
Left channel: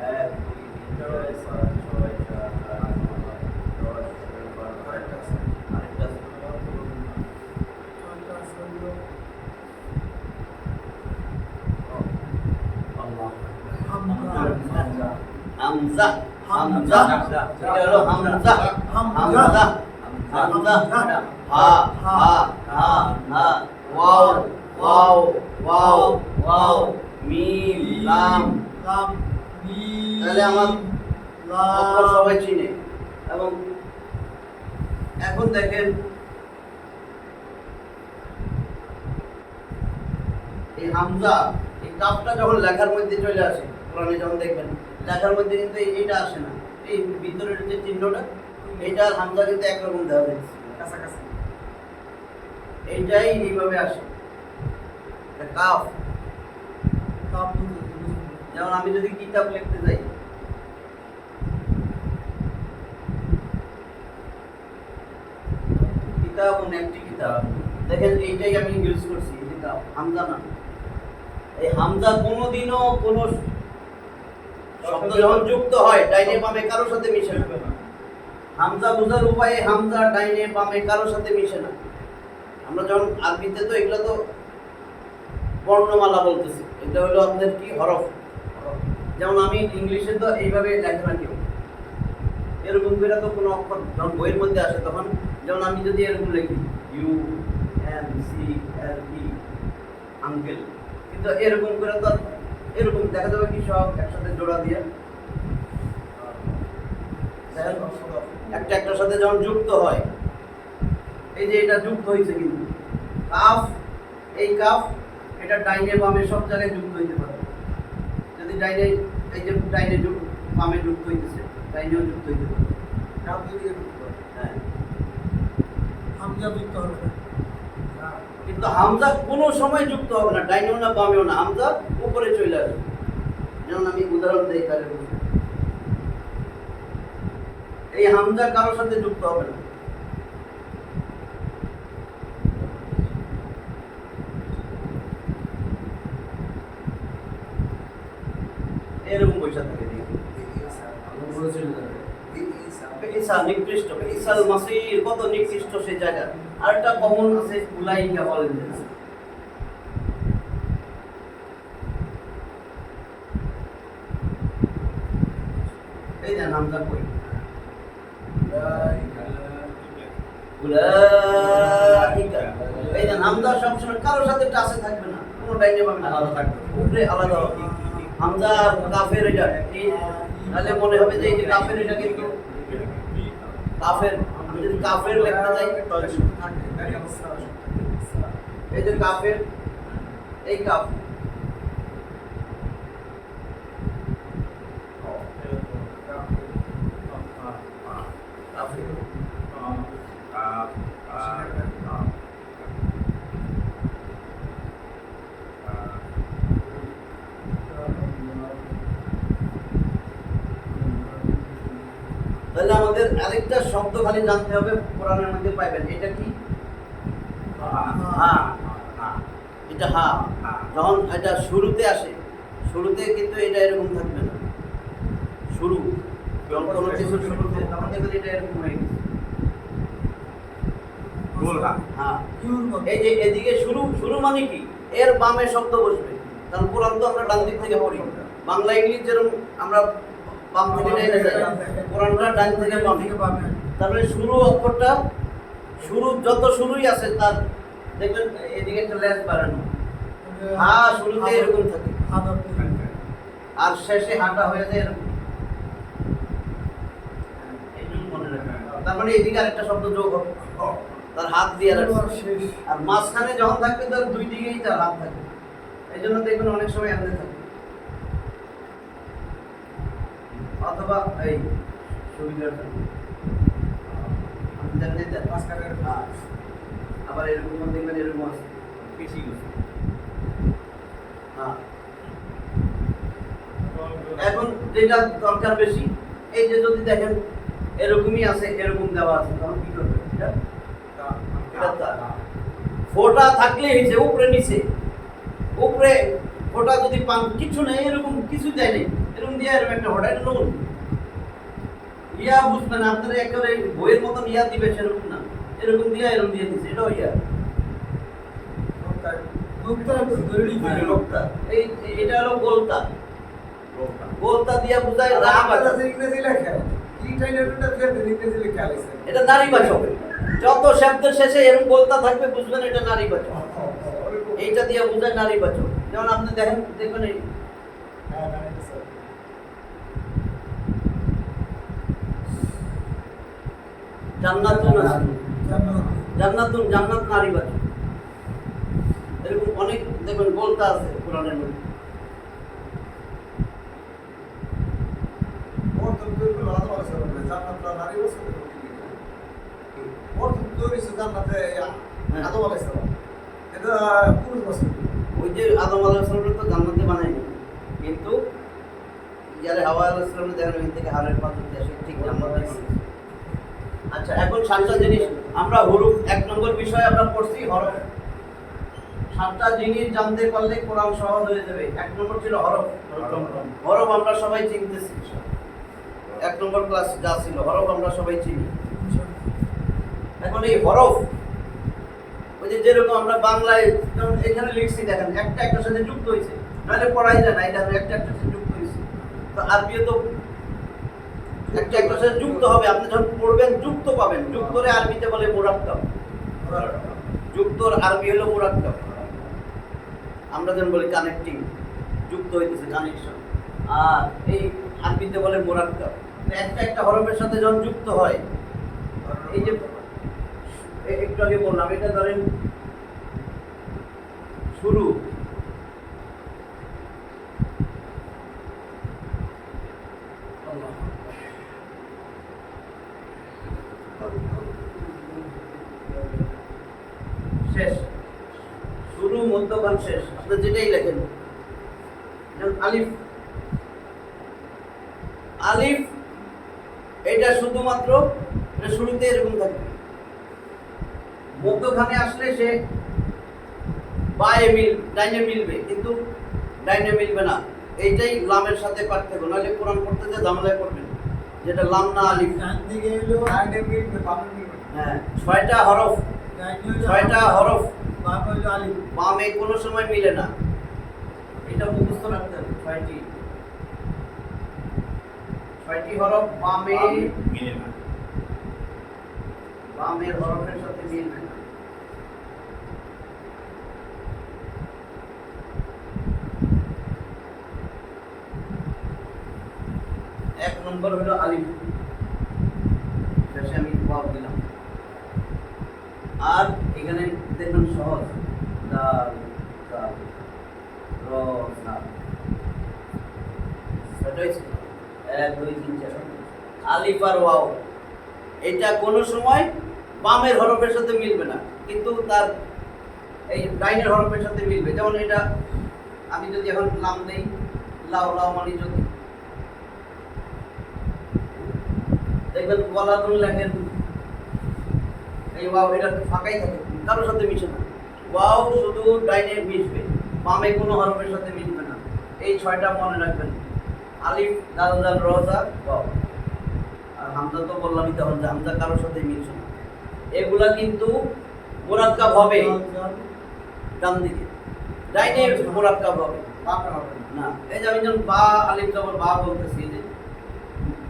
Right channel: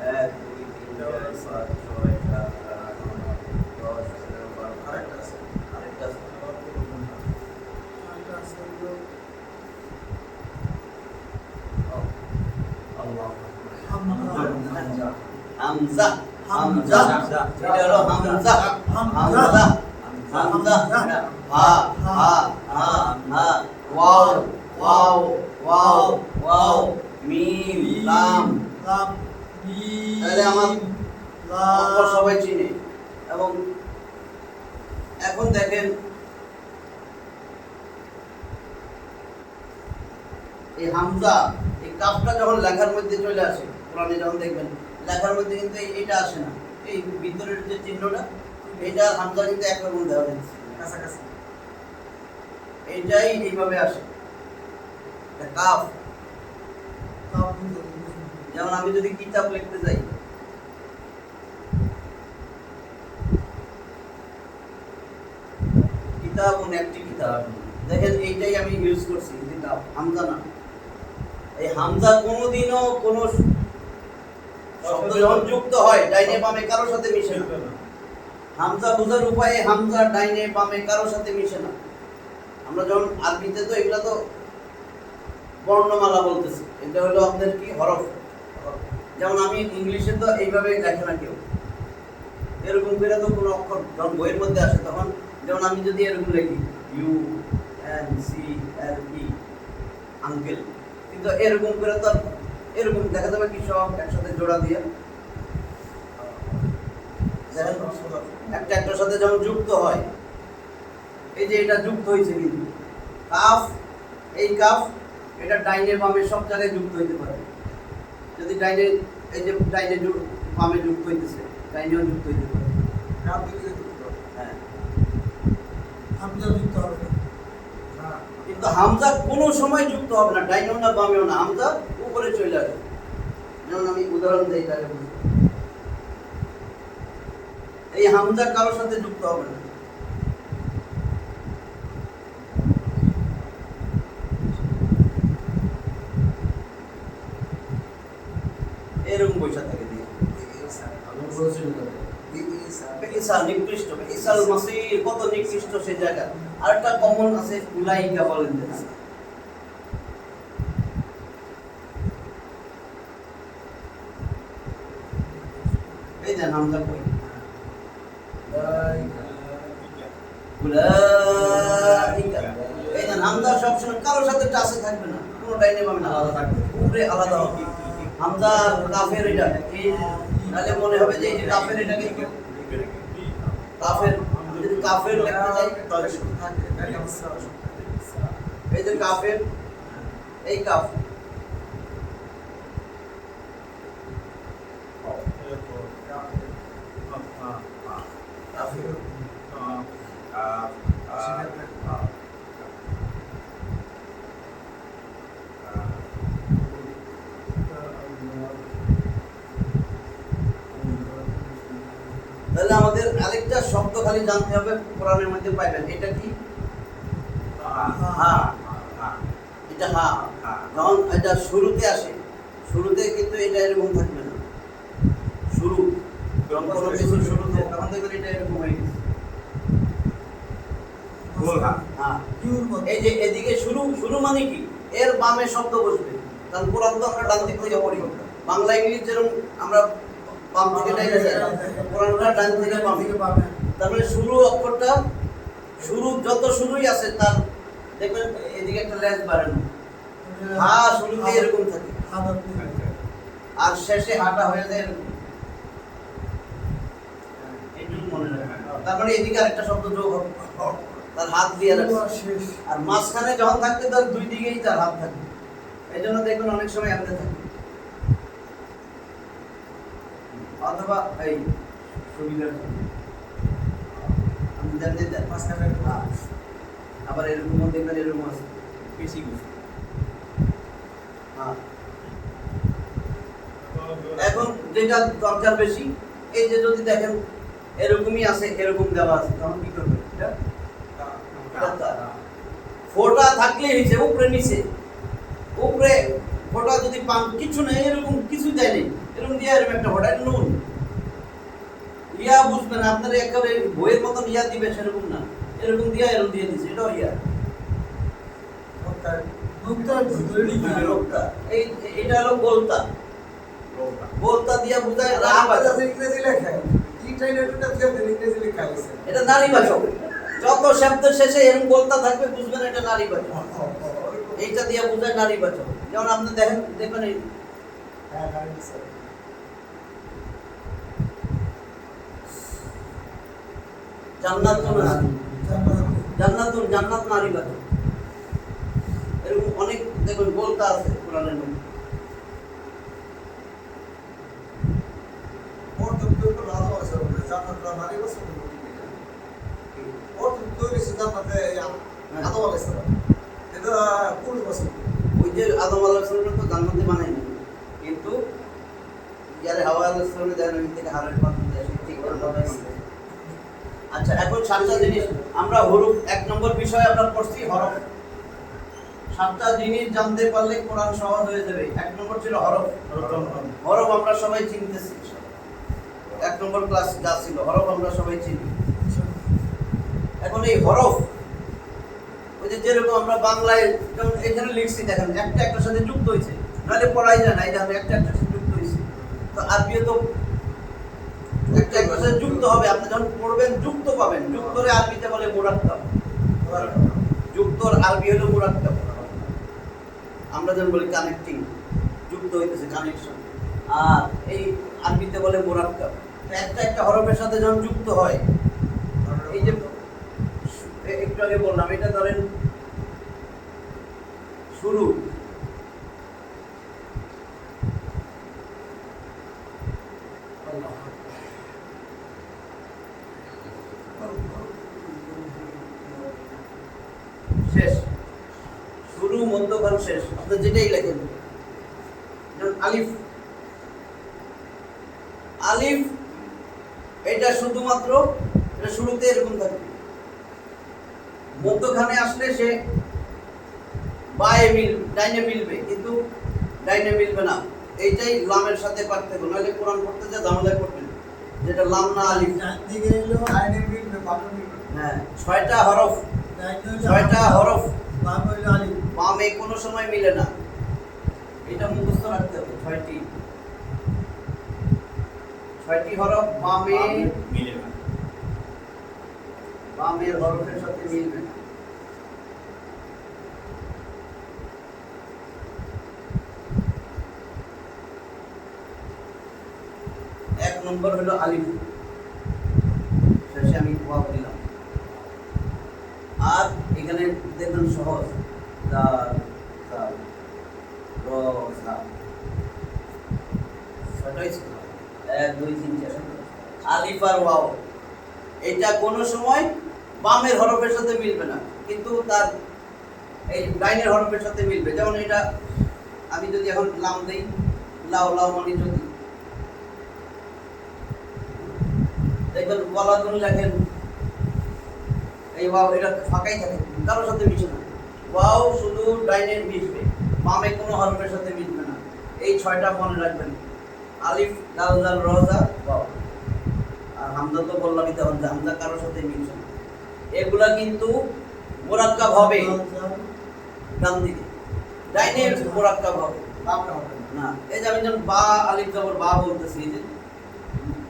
1 2 3 4 5 6 7 8 9 10 11 12 আরেকটা আছে আরেকটা আছে। আরেকটা আছে হলো হামজা হামজা হামজা এটা হলো হামজা হামজা হামজা হা হা হা হা ওয়াও ওয়াও ওয়াও ওয়াও মিম লাম লাম মিম তাহলে আমার অক্ষর লাম সবাই চিনে এবং এখন দেখেন এই হামজা এই কাফটা যখন লেখার মধ্যে চলে আসে কোরআনে যখন দেখবেন লেখার মধ্যে কিন্তু এইটা আসে না এই ভিতরের যে চিহ্নটা এইটা আর হামজা কিন্তু একরকম দেওয়া হয়েছে কাছাকাছি এইটাই এইভাবে আসে এটা কাফ কাফ যেমন আমি যদি কিতাব লিখতে যাই কিতাব একটি কিতাব দেখেন এইটাই আমি ইউজ করছি এই যে কাফ হামজা না এই হামজা কোনোদিনও কোনো শব্দ যখন যুক্ত হয় ডাইনে বামে কারোর সাথে মিশে না হামজা বোঝার উপায়ে হামজা ডাইনে বামে কারোর সাথে মিশে না আমরা যখন আরবিতে তো এগুলা তো বর্ণমালা বলতেছি এটা হলো আপনাদের কি হরফ যেমন আমি ইংলিশে তো এইভাবে লেখে না কেউ এরকম করে তো কোনো অক্ষর যখন বইয়ের মধ্যে আসে তখন যেমন আমি যদি এরকম লিখি ইউ এন সি এল ই আঙ্কেল কিন্তু এরকম করে তো এরকম দেখা যাবে কি সব একসাথে জোড়া দিয়ে দেখেন একটা একটার সাথে যখন যুক্ত হয় এই যে এটা যুক্ত হয়েছে কিন্তু কাফ এই কাফ এটা ডাইনে বামে সব জায়গায় যুক্ত হইতে পারে যদি ডাইনে এই যে ডাইনে বামে যুক্ত হইতেছে ডাইনেও যুক্ত হইতে পারে কাফ দিয়ে যুক্ত হ্যাঁ হামজা যুক্ত হবে না কিন্তু হামজা কোনো সময় যুক্ত হবে না ডাইনেও না বামেও না হামজা উপরে চলে আসবে যেমন আমি উদাহরণ দেই তাহলে বুঝবেন এই হামজা কারোর সাথে যুক্ত হবে না এরকম পয়সা থাকে দিয়ে ইসা নিকৃষ্ট ইসাল মাসির কত নিকৃষ্ট সেই জায়গা আরেকটা কমন আছে উলাইকা বলেন যে এই যে নামটা কই উলাইকা এই যে নামটা সবসময় কারোর সাথে টাচে থাকবে না কোনো ডাইনে বামে আলাদা থাকবে উপরে আলাদা হবে হামজা কাফের এটা এই তাহলে মনে হবে যে এই যে কাফের এটা কিন্তু কাফের যদি কাফের লেখা যায় তাহলে শুধু থাকে এই যে কাফের এই কাফ কাফের তাহলে আমাদের আরেকটা শব্দ খালি জানতে হবে কোরআনের মধ্যে পাইবেন এটা কি হা হা এটা হা হা যখন এটা শুরুতে আসে শুরুতে কিন্তু এটা এরকম থাকবে না শুরু যখন কোনো কিছু শুরুতে তখন দেখবেন এটা এরকম হয়ে গেছে গোল হা হ্যাঁ ইউর মতো এই যে এদিকে শুরু শুরু মানে কি এর বামে শব্দ বসবে কারণ কোরআন তো আমরা ডান দিক থেকে পড়ি বাংলা ইংলিশ যেরকম আমরা বাম থেকে ডাইনে যাই কোরআনটা ডান থেকে বামে তারপরে শুরু অক্ষরটা শুরু যত শুরুই আছে তার দেখবেন এদিকে একটা লেন্স বাড়ানো হা শুরুতে এরকম থাকে আর শেষে হাঁটা হয়ে যায় এরকম এইটুকু মনে রাখবেন তার মানে এদিকে আরেকটা শব্দ যোগ হবে তার হাত দিয়ে রাখবে শেষ আর মাঝখানে যখন থাকবে তার দুই দিকেই তার হাত থাকবে এই জন্য দেখবেন অনেক সময় এমনি থাকে অথবা এই সুবিধার জন্য আমাদের যে মাঝখানে আবার এরকম দেখবেন এরকম আছে বেশি গেছে হ্যাঁ। এখন যেটা দরকার বেশি এই যে যদি দেখেন এরকমই আছে এরকম দেওয়া আছে তখন কি করবে ফোটা থাকলে হয়েছে উপরে নিচে উপরে ফোটা যদি পান কিছু নেই এরকম কিছু দেয় নেই এরকম দিয়ে এরকম একটা ফোটা এটা নুন ইয়া বুঝবেন আপনারা একেবারে বইয়ের মতন ইয়া দিবে সেরকম না এরকম দিয়ে এরকম দিয়ে দিছে এটাও ইয়া লোকটা এই এটা হলো গোলতা গোলতা দিয়া বুঝায় রাবাচক ইংরেজি লেখা ইটাই নেটটা ইংরেজি লেখা আছে এটা নারীবাচক যত শব্দের শেষে এরকম গোলতা থাকবে বুঝবেন এটা নারীবাচক এইটা দিয়ে বুঝায় নারীবাচক যেমন আপনি দেখেন দেখবেন এই জান্নাতুন আছে জান্নাতুন জান্নাত নারীবাচক এরকম অনেক দেখবেন গোলতা আছে কোরআনের মধ্যে ওই যে আদম আলাইহিস সালাম তো জান্নাতে বানায়নি কিন্তু যারা হাওয়া আলাইহিস সালাম দেখেন ওই থেকে হারের পাত্র দিয়ে সে ঠিক জান্নাতে আচ্ছা এখন সাতটা জিনিস আমরা হরফ এক নম্বর বিষয় আমরা পড়ছি হরফ সাতটা জিনিস জানতে পারলে কোরআন সহজ হয়ে যাবে এক নম্বর ছিল হরফ হরফ আমরা সবাই চিনতেছি এক নম্বর ক্লাস যা ছিল হরফ আমরা সবাই চিনি এখন এই হরফ ওই যে যেরকম আমরা বাংলায় যেমন এখানে লিখছি দেখেন একটা একটার সাথে যুক্ত হয়েছে নাহলে পড়াই যায় না এই দেখেন একটা একটার সাথে যুক্ত হয়েছে তো আরবিও তো একটা একটার সাথে যুক্ত হবে আপনি যখন পড়বেন যুক্ত পাবেন যুক্ত করে আরবিতে বলে মুরাক্কাব যুক্তর আরবি হলো মুরাক্কাব আমরা যখন বলি কানেক্টিং যুক্ত হইতেছে কানেকশন আর এই আরবিতে বলে মুরাক্কাব একটা একটা হরফের সাথে যখন যুক্ত হয় এই যে একটু আগে বললাম এটা ধরেন শুরু শেষ শুরু মধ্যখান শেষ আপনি যেটাই লেখেন যেমন আলিফ আলিফ এটা শুধুমাত্র এটা শুরুতে এরকম থাকবে মধ্যখানে আসলে সে ডাইনে মিলবে কিন্তু ডাইনে মিলবে না এইটাই লামের সাথে পার্থক্য নাহলে কোরআন পড়তে যা ঝামেলায় পড়বেন যেটা লাম না আলিফ হ্যাঁ ছয়টা হরফ বামে কোনো সময় মিলে না এটা মুখস্থ রাখতে হবে ছয়টি হরফ বামে মিলে না বামের হরফের সাথে মিলবে না এক নম্বর হলো আলিফ শেষে আমি ওয়াও দিলাম আর এখানে দেখবেন সহজ দাল দাল র সা ছয়টাই ছিল 1 2 3 4 আলিফ আর ওয়াও এটা কোনো সময় বামের হরফের সাথে মিলবে না কিন্তু তার এই ডাইনের হরফের সাথে মিলবে যেমন এটা আমি যদি এখন লাম দেই লাউ লাউ মানে যদি দেখবেন ওয়ালাদুন লেখেন এই ওয়াও এটা ফাঁকাই থাকে কারোর সাথে মিশে না ওয়াও শুধু ডাইনে মিশবে, বামে কোনো হরফের সাথে মিশবে না। এই 6টা মনে রাখবেন। আলিফ, দাল, জাল, র, জা, ওয়াও। আর হামজা তো বললামই, তখন যে হামজা কারোর সাথে মিশবে না। এগুলা কিন্তু মুরাক্কাব হবে ডান দিকে, ডাইনে মুরাক্কাব হবে বামে হবে না। না। এই যে আমি যখন বা আলিফ জবর বা বলতেছি, এই যে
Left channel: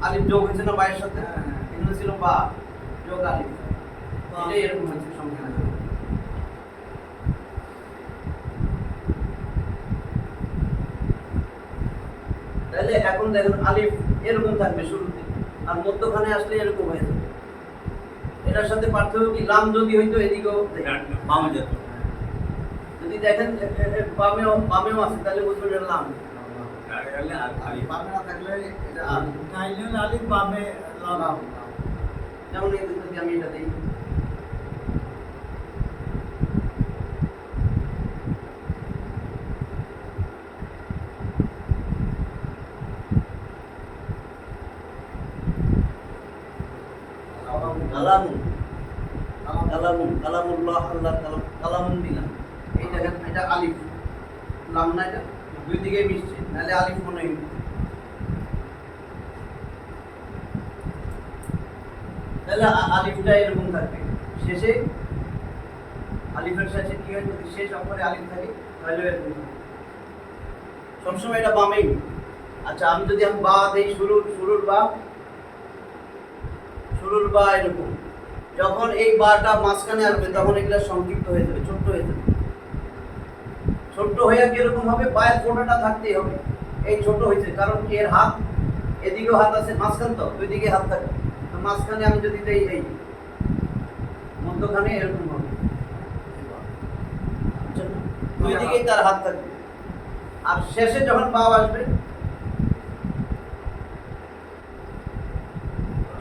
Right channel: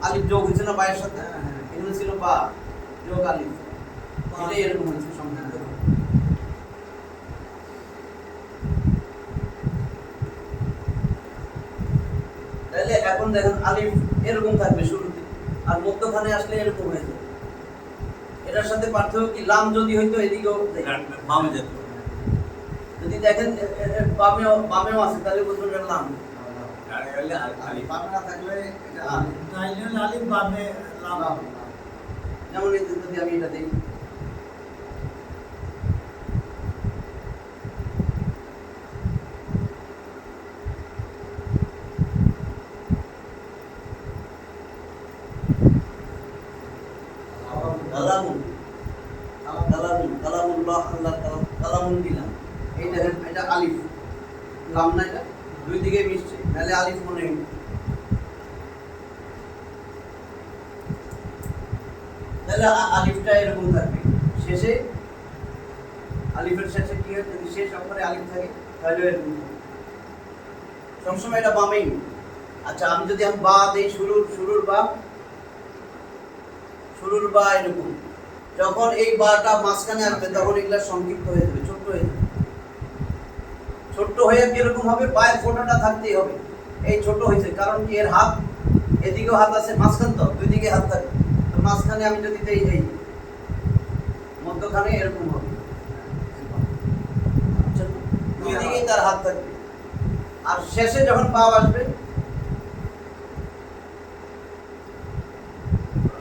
আলিফ যোগ হয়েছে না বায়ের সাথে, এখানে ছিল বা যোগ আলিফ, এটাই এরকম হয়েছে সংখ্যা। তাহলে এখন দেখেন আলিফ এরকম থাকবে শুরুতে, আর মধ্যখানে আসলে এরকম হয়ে যাবে। এটার সাথে পার্থক্য কি, লাম যদি হইতো এদিকেও বামে যেত। যদি দেখেন বামেও আছে, তাহলে বুঝবেন এটা লাম। বামে না থাকলে এটা আলিফ। নাইলে আলিফ বামে লাম। লাম। যেমন এই যে যদি আমি এটা দিই, কালামুন, কালামুন, কালামুল্লাহ, আল্লাহ কালাম, কালামুন দিলাম। এই দেখেন এটা আলিফ, লাম না, এটা দুই দিকে মিশছে, নাহলে আলিফ মনে হয়। তাহলে আলিফটা এরকম থাকবে শেষে, আলিফের শেষে কি হয়, যদি শেষ অক্ষরে আলিফ থাকে তাহলে এরকম হবে। সবসময় এটা বামেই। আচ্ছা, আমি যদি বা দেই, শুরুর বা এরকম, যখন এই বাটা মাঝখানে আসবে তখন এগুলা সংক্ষিপ্ত হয়ে যাবে, ছোট্ট হয়ে যাবে। ছোট্ট হয়ে কিরকম হবে, পায়ের ফোঁটাটা থাকতেই হবে। এই ছোট হয়েছে কারণ কি, এর হাত এদিকেও হাত আছে, মাঝখান তো দুই দিকে হাত থাকে, তো মাঝখানে আমি যদি দেই, এই মধ্যখানে এরকম হবে, দুই দিকেই তার হাত থাকবে। আর শেষে যখন পাও আসবে,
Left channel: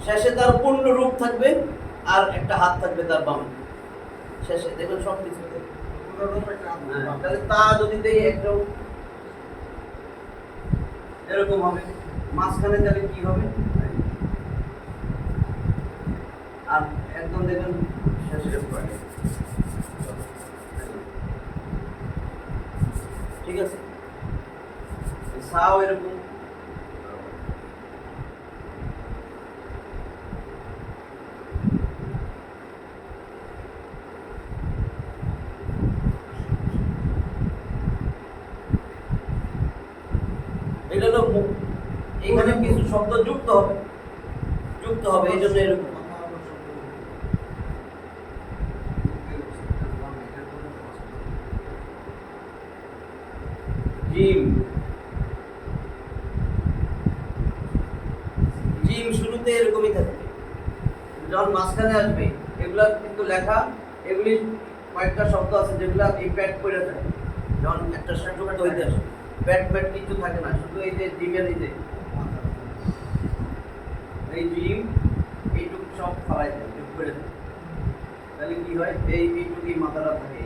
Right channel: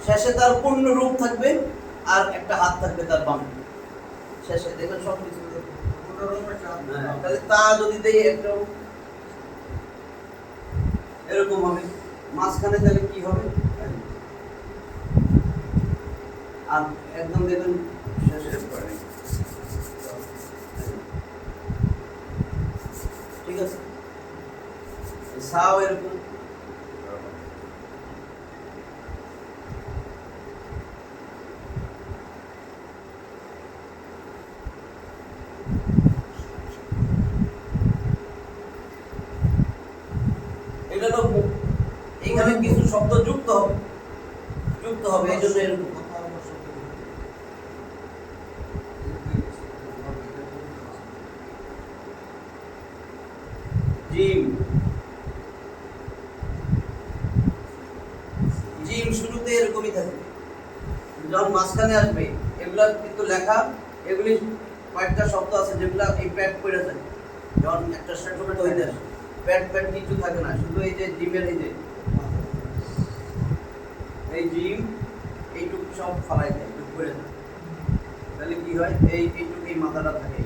শেষে তার পূর্ণ রূপ থাকবে, আর একটা হাত থাকবে তার বামে শেষে, দেখবেন সব কিছু। তাহলে তা যদি দেই একটাও এরকম হবে, মাঝখানে তাহলে কি হবে, আর একদম দেখবেন শেষে পড়ে। ঠিক আছে, সাও এরকম। এটা তো এখানে কিছু শব্দ যুক্ত হবে, এই জন্য এরকম। জিম, জিম শুরুতে এরকমই থাকে, যখন মাঝখানে আসবে এগুলা কিন্তু লেখা, এগুলি কয়েকটা শব্দ আছে যেগুলা এই প্যাড করে থাকে, যখন একটা শব্দ হইতে আসে প্যাড কিছু থাকে না, শুধু এই যে জিমের এই জিম এইটুকু সব ফালাই দেয়, করে দেয়। তাহলে কি হয়, এইটুকুই মাথাটা থাকে,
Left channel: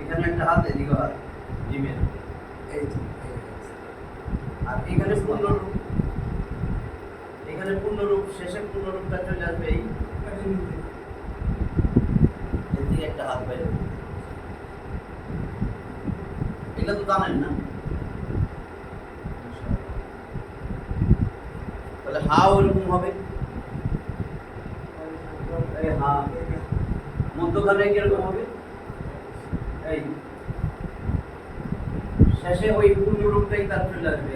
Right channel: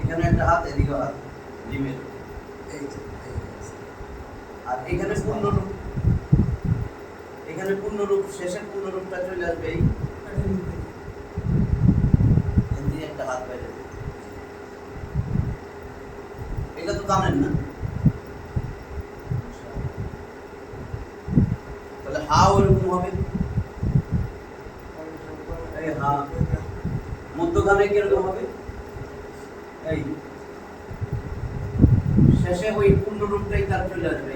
এখানে একটা হাত, এদিকে হাত জিমের, আর এখানে পূর্ণরূপ, শেষে পূর্ণরূপটা চলে আসবে এই দিকে একটা হাত বাইরে। এটা তো জানেন না, তাহলে হাও এরকম হবে, এই হা মধ্যখানে কিরকম হবে, এই শেষে ওই পূর্ণরূপটাই তার চলে আসবে,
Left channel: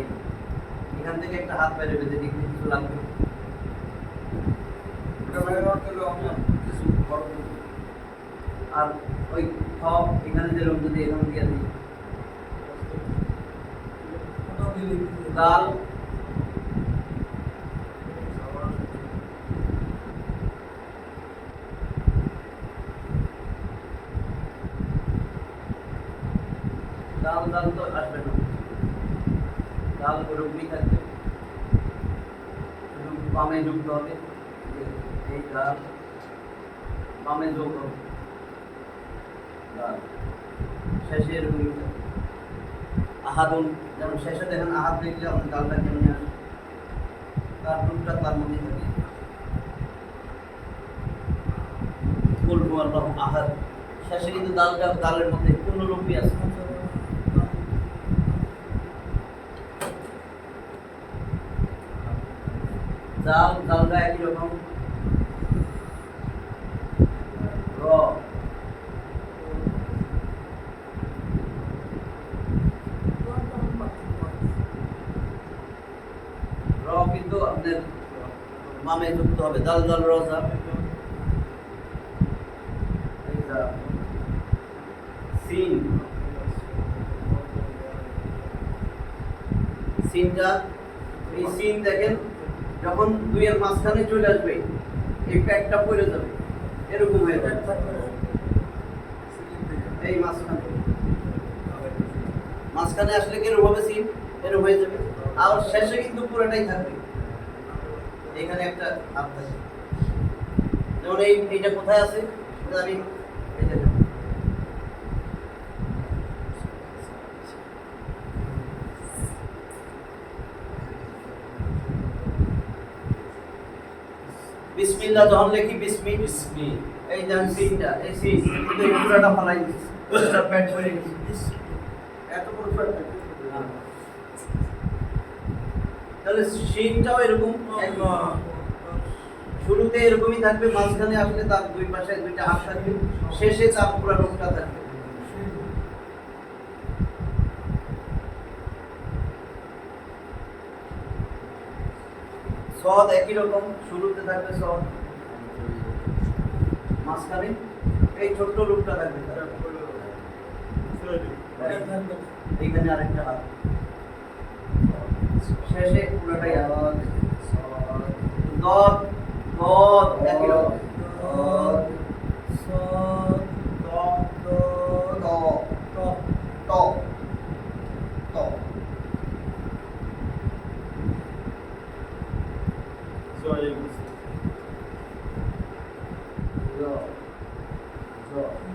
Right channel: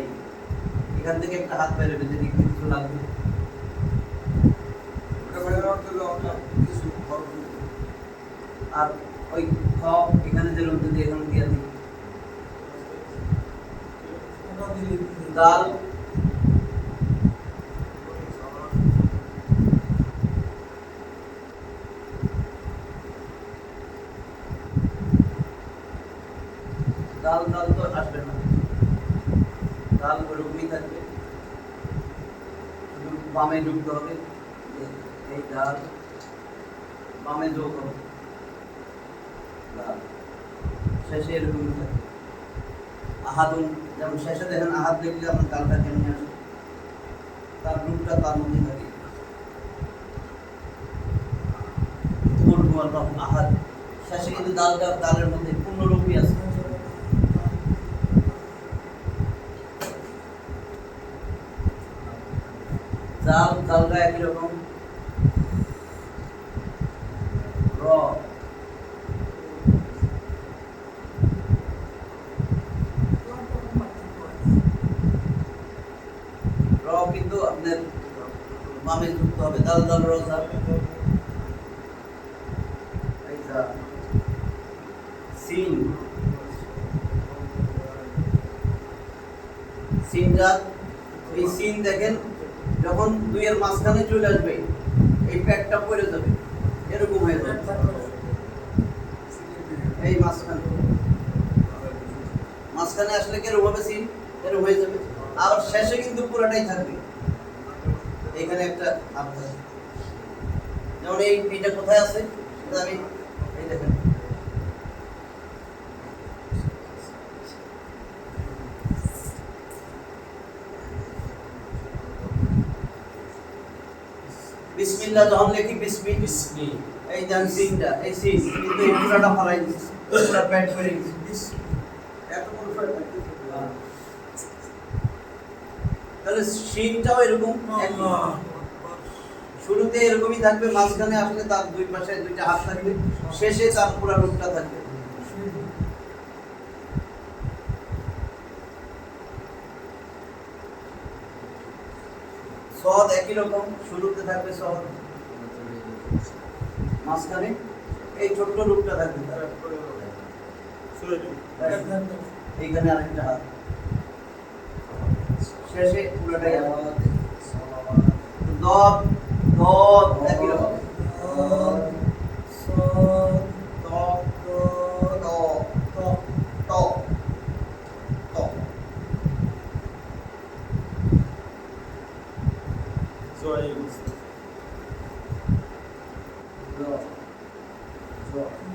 এখান থেকে একটা হাত বাইরে বেঁধে দিকে কিছু লাগবে। আর ওই খ এখানে যেরকম যদি এখানে দিয়ে দিই, দাল তো আসবে না, দাল ওরকমই থাকবে, শুধু বামে যুক্ত হবে, এই দাল বামে যোগ হবে, দাল শেষে এরকমই থাকবে। আহাদুন, যেমন শেষে দেখেন আহাদ দেখলে আপনার দালটা কেমন আসে, তার রূপটা তার মধ্যে থাকে। কুল হুয়াল্লাহু আহাদ। শেষে কিন্তু দালের মধ্যে পূর্ণরূপী আছে। জালটা একই রকম। র কিন্তু আপনার বামে যুক্ত হবে, দাল দাল র জা। এই যা সিন, সিনটা, এই সিন দেখেন যখন দুইয়ের মাঝখানে চলে আসবে এই প্যাকটা পড়ে যাবে, এরকম হয়ে যাবে এই মাঝখানে আসলে কিরকম হবে সিন, এরকম হয়ে যাবে। আবার শেষে কিন্তু পুরোটাই থাকবে, এখানে একটা আপ থাকবে। যেমন এইটা কোথায় আছে, এটা আমি এই দেখেন বিসমিল্লাহ যখন লিখি বিসমি, এই দেখেন সিনটা, এই সিন কিন্তু এই পুরোটা ফালাই দিচ্ছি, পুরোটা প্যাড করে দিচ্ছি, এত বড় প্যাড। তাহলে সিনটাও এরকম শুরুতে এরকমই থাকবে, মাঝখানে আসলে তার দুই পাশে দুইটা হাত থাকবে, শেষে তার পুরো রূপটা থাকবে। সদ একই রকম, শুরুতে থাকবে সদ, মাঝখানে এই ছোট্ট রূপটা থাকবে, এইখানে আরেকটা হাত, শেষে পুরোটাই হাত। দদ দদ একই রকম,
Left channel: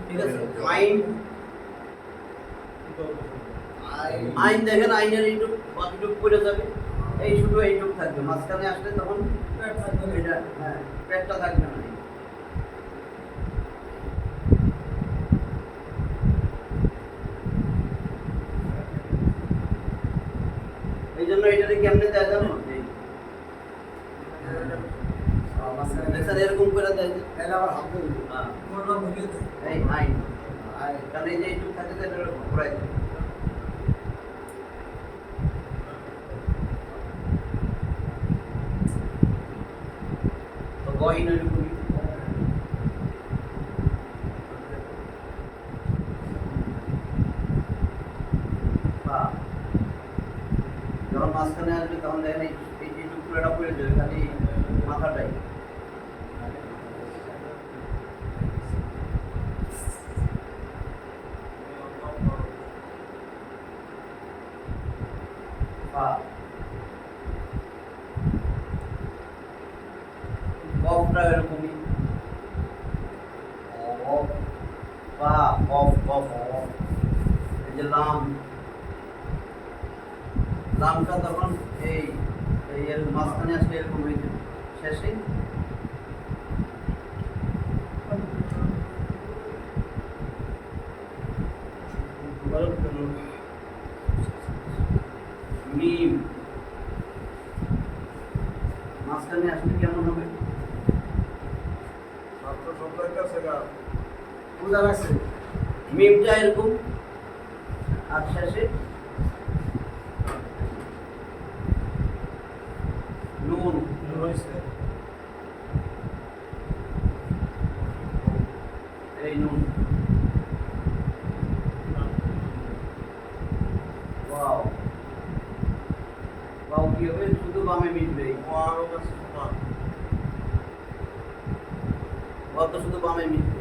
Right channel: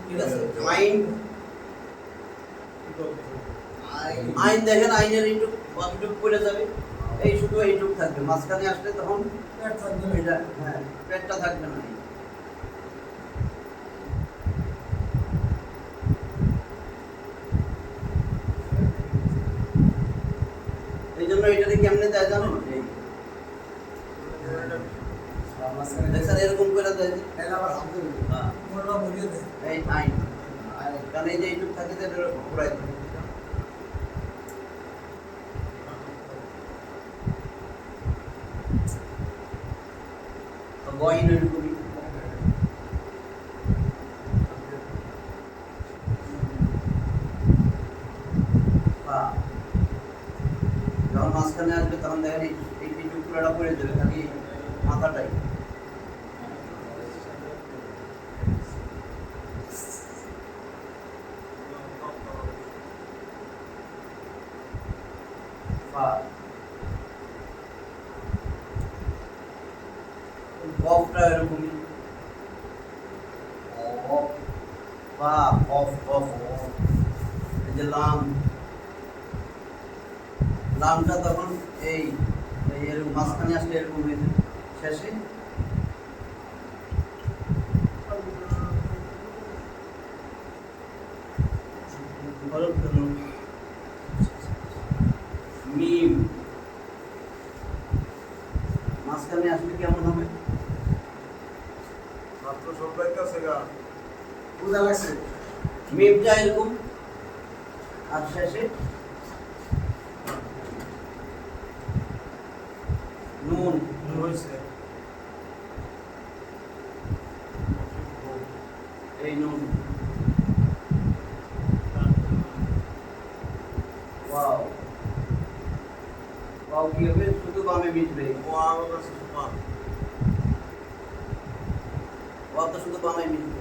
ঠিক আছে। আইন দেখেন, আইনের এইটুক পড়ে যাবে, এই শুধু এইটুক থাকবে, মাঝখানে আসলে তখন এটা হ্যাঁ পেটটা থাকবে না। এই জন্য এটাতে কেমনে দেয় জানো, দেখছেন এরকম করে দেয়, এই আইন, কারণ এই যে এইটুক থাকে যে ঘুরাই দেয়। গয়ন এরকমই, যখন মাঝখানে আসবে তখন দেখেন এই টুকরোটা পড়ে যাবে, খালি মাথাটাই। কফটা এরকমই, এই যে লামটা তখন এই এরকম মাঝখানে আসলে এরকম হয়ে যাবে, শেষে মিম, মাঝখানে আসলে কেমন হবে, মিমটা এরকম আর শেষে নুন, এই নুন, ওয়াও ওয়াও কি হবে, শুধু বামে মিটবে, ওয়াও তো শুধু বামে মিটবে।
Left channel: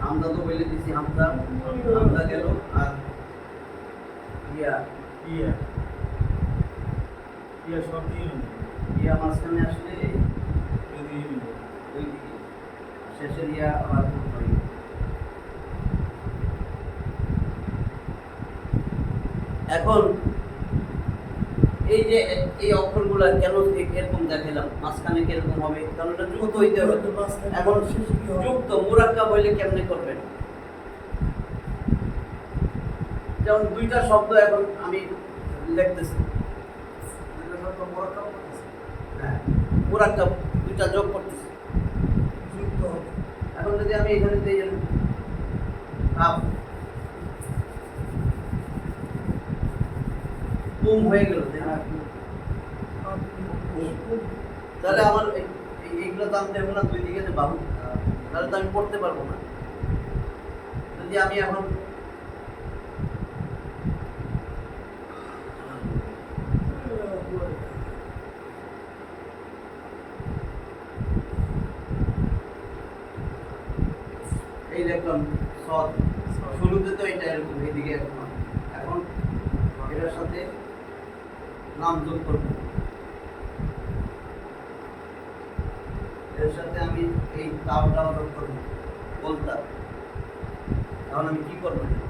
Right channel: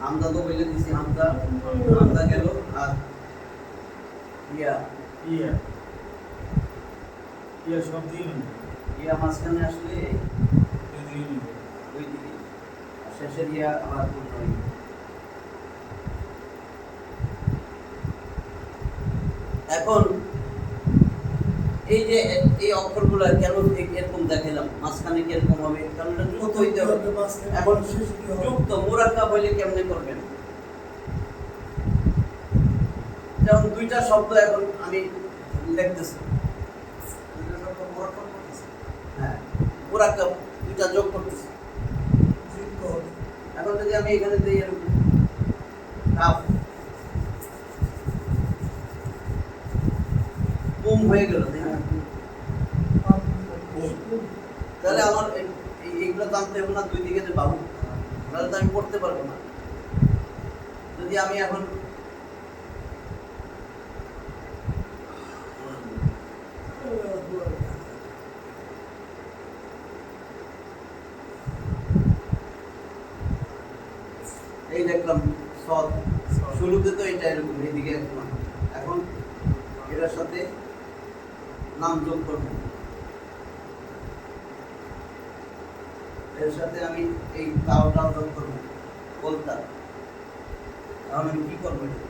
হামজা তো বলে দিছি, হামজা গেল, আর ইয়া সব দিন ইয়া মাঝখানে আসলে ওই দিকে, শেষের ইয়া আবার হয়। এখন এই যে এই অক্ষরগুলো কেন এরকম দেখাইলাম, মাঝখানে কিরকম হবে, কারণ এটা যুক্ত হইতে হবে। এখন যুক্ত মুরাক্কাব হইলে কেমনে করবেন? যেমন দুইটা শব্দ এখন আমি লিখতেছি, হ্যাঁ মুরাক্কাব দুইটা যোগ করতেছি। যুক্ত হবে। এখন যদি আমি এখানে দিই কাপ কুম হয়ে গেল, তাই না? তাহলে আমার এইগুলো জানতে হবে না, দুই দিকে যে বাহু, তাহলে তো আমি পড়তে পারবো না। যদি আমি এখন এই দেখলাম সৎ, শুরুতে তো এটা এরকম এইদিকে একবার, এখন এটার সাথে নাম যোগ করবো, এর সাথে আমি এই তাওটাও যোগ করবো, বলতা। এখন আমি কি করবো এটা?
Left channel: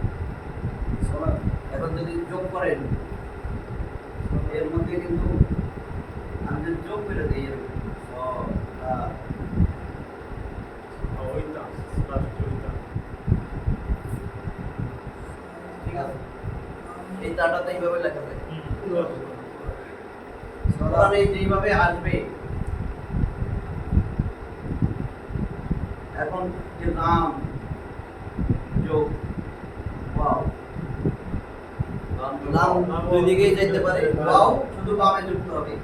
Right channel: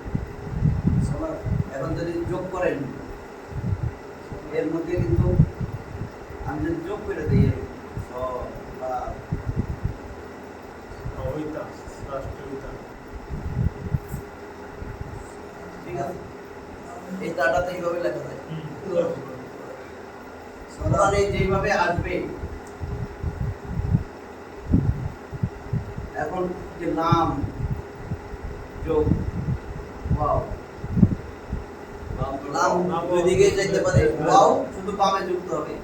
এখন যদি যোগ করেন এর মধ্যে কিন্তু আমি যদি যোগ করে দিই এরকম ওইটা রাষ্ট্রীয়তা ঠিক আছে, এই তাটাতে এইভাবে লেখা যায়। কোরআনে যেইভাবে আসবে, এখন যে নাম যোগ ওয়াও, নাম দুই দিকেই যাইতে পারে, ওয়াও শুধু বামে যুক্ত হবে,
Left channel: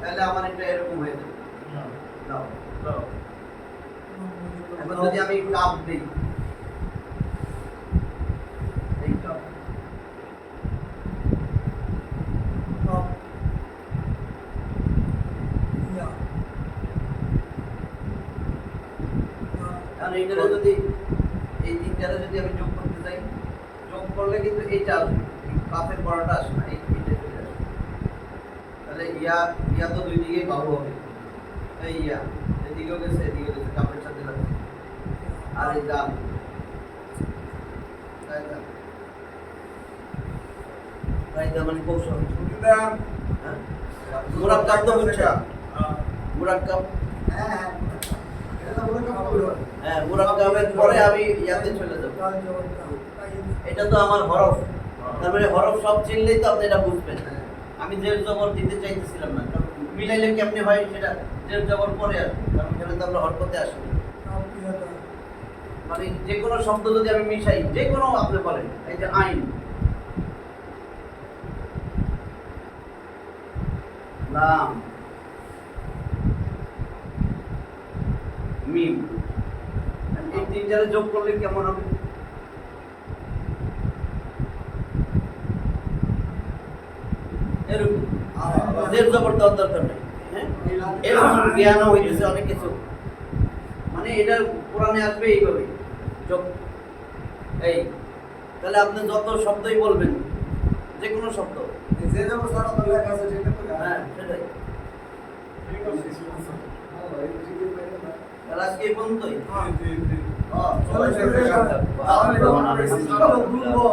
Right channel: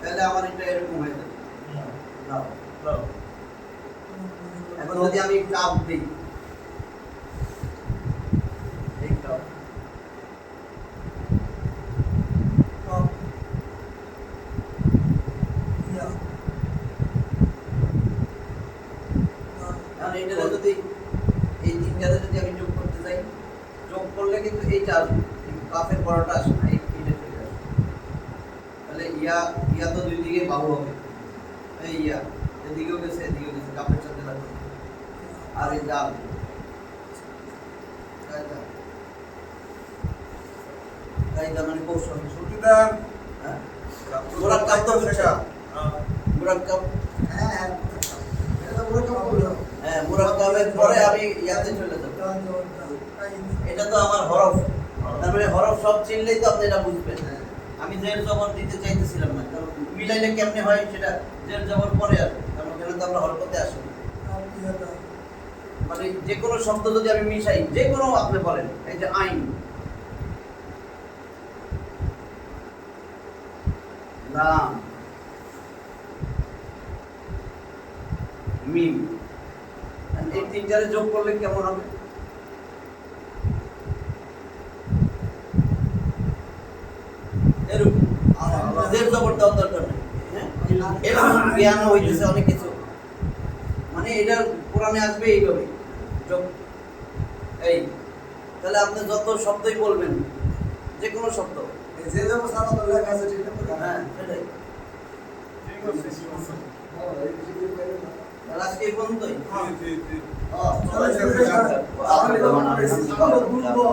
তাহলে আমার এটা এরকম হয়ে যাবে। দাও। এখন যদি আমি কাপ দিই, এই কাপ কারণ এইটাতে যদি এই তিনটাতে যদি আমি যোগ করতে চাই, যোগ করলে কিন্তু এইটা আসবে, এই কাপের বড়টা আসবে না, এইটা চলে আসবে। তাহলে ইয়া তো দুই দিকে বাহু হবে, এই ইয়া এদিকেও গেছে এদিকেও গেছে, কাপের সাথে লাগবে। আর এই জাল মানে কৌশল, হ্যাঁ মুরাক্কাব তো বুঝছেন, মুরাক্কাব হ্যাঁ মুরাক্কাবের পরে আমি ইয়াতে চলে যাব, এটা তো আমার হরফ, তারপরে হরফ সব চিনলেই তো আপনি এটা বুঝবেন। আমি জের জবর দিতে চাইতেছিলাম না, কারণ মিলাইলে কেমনে হয় সেটা জের জবর পরে আসবে, কারণ এখানে তো আমরা হরকতে আসি। মানে যে কোনো শব্দ যদি আমি মিশাই, যে কোনো আপনি বলেন, এই যে আইন, লাম, মিম, এই তিনটারে যোগ করলে কেমন হবে? এরকম জের জবর দেওয়ার দরকার নেই, হ্যাঁ এরকম জ্ঞান হইতেছে অনেক কিছু, মানে এটা কোরআনে আসবে এইভাবে যোগ। এই তাহলে আপনি যত শব্দই বলবেন, যে কোনো শব্দ, হ্যাঁ সেটাই। তাহলে আজকে এই পর্যন্তই। চলো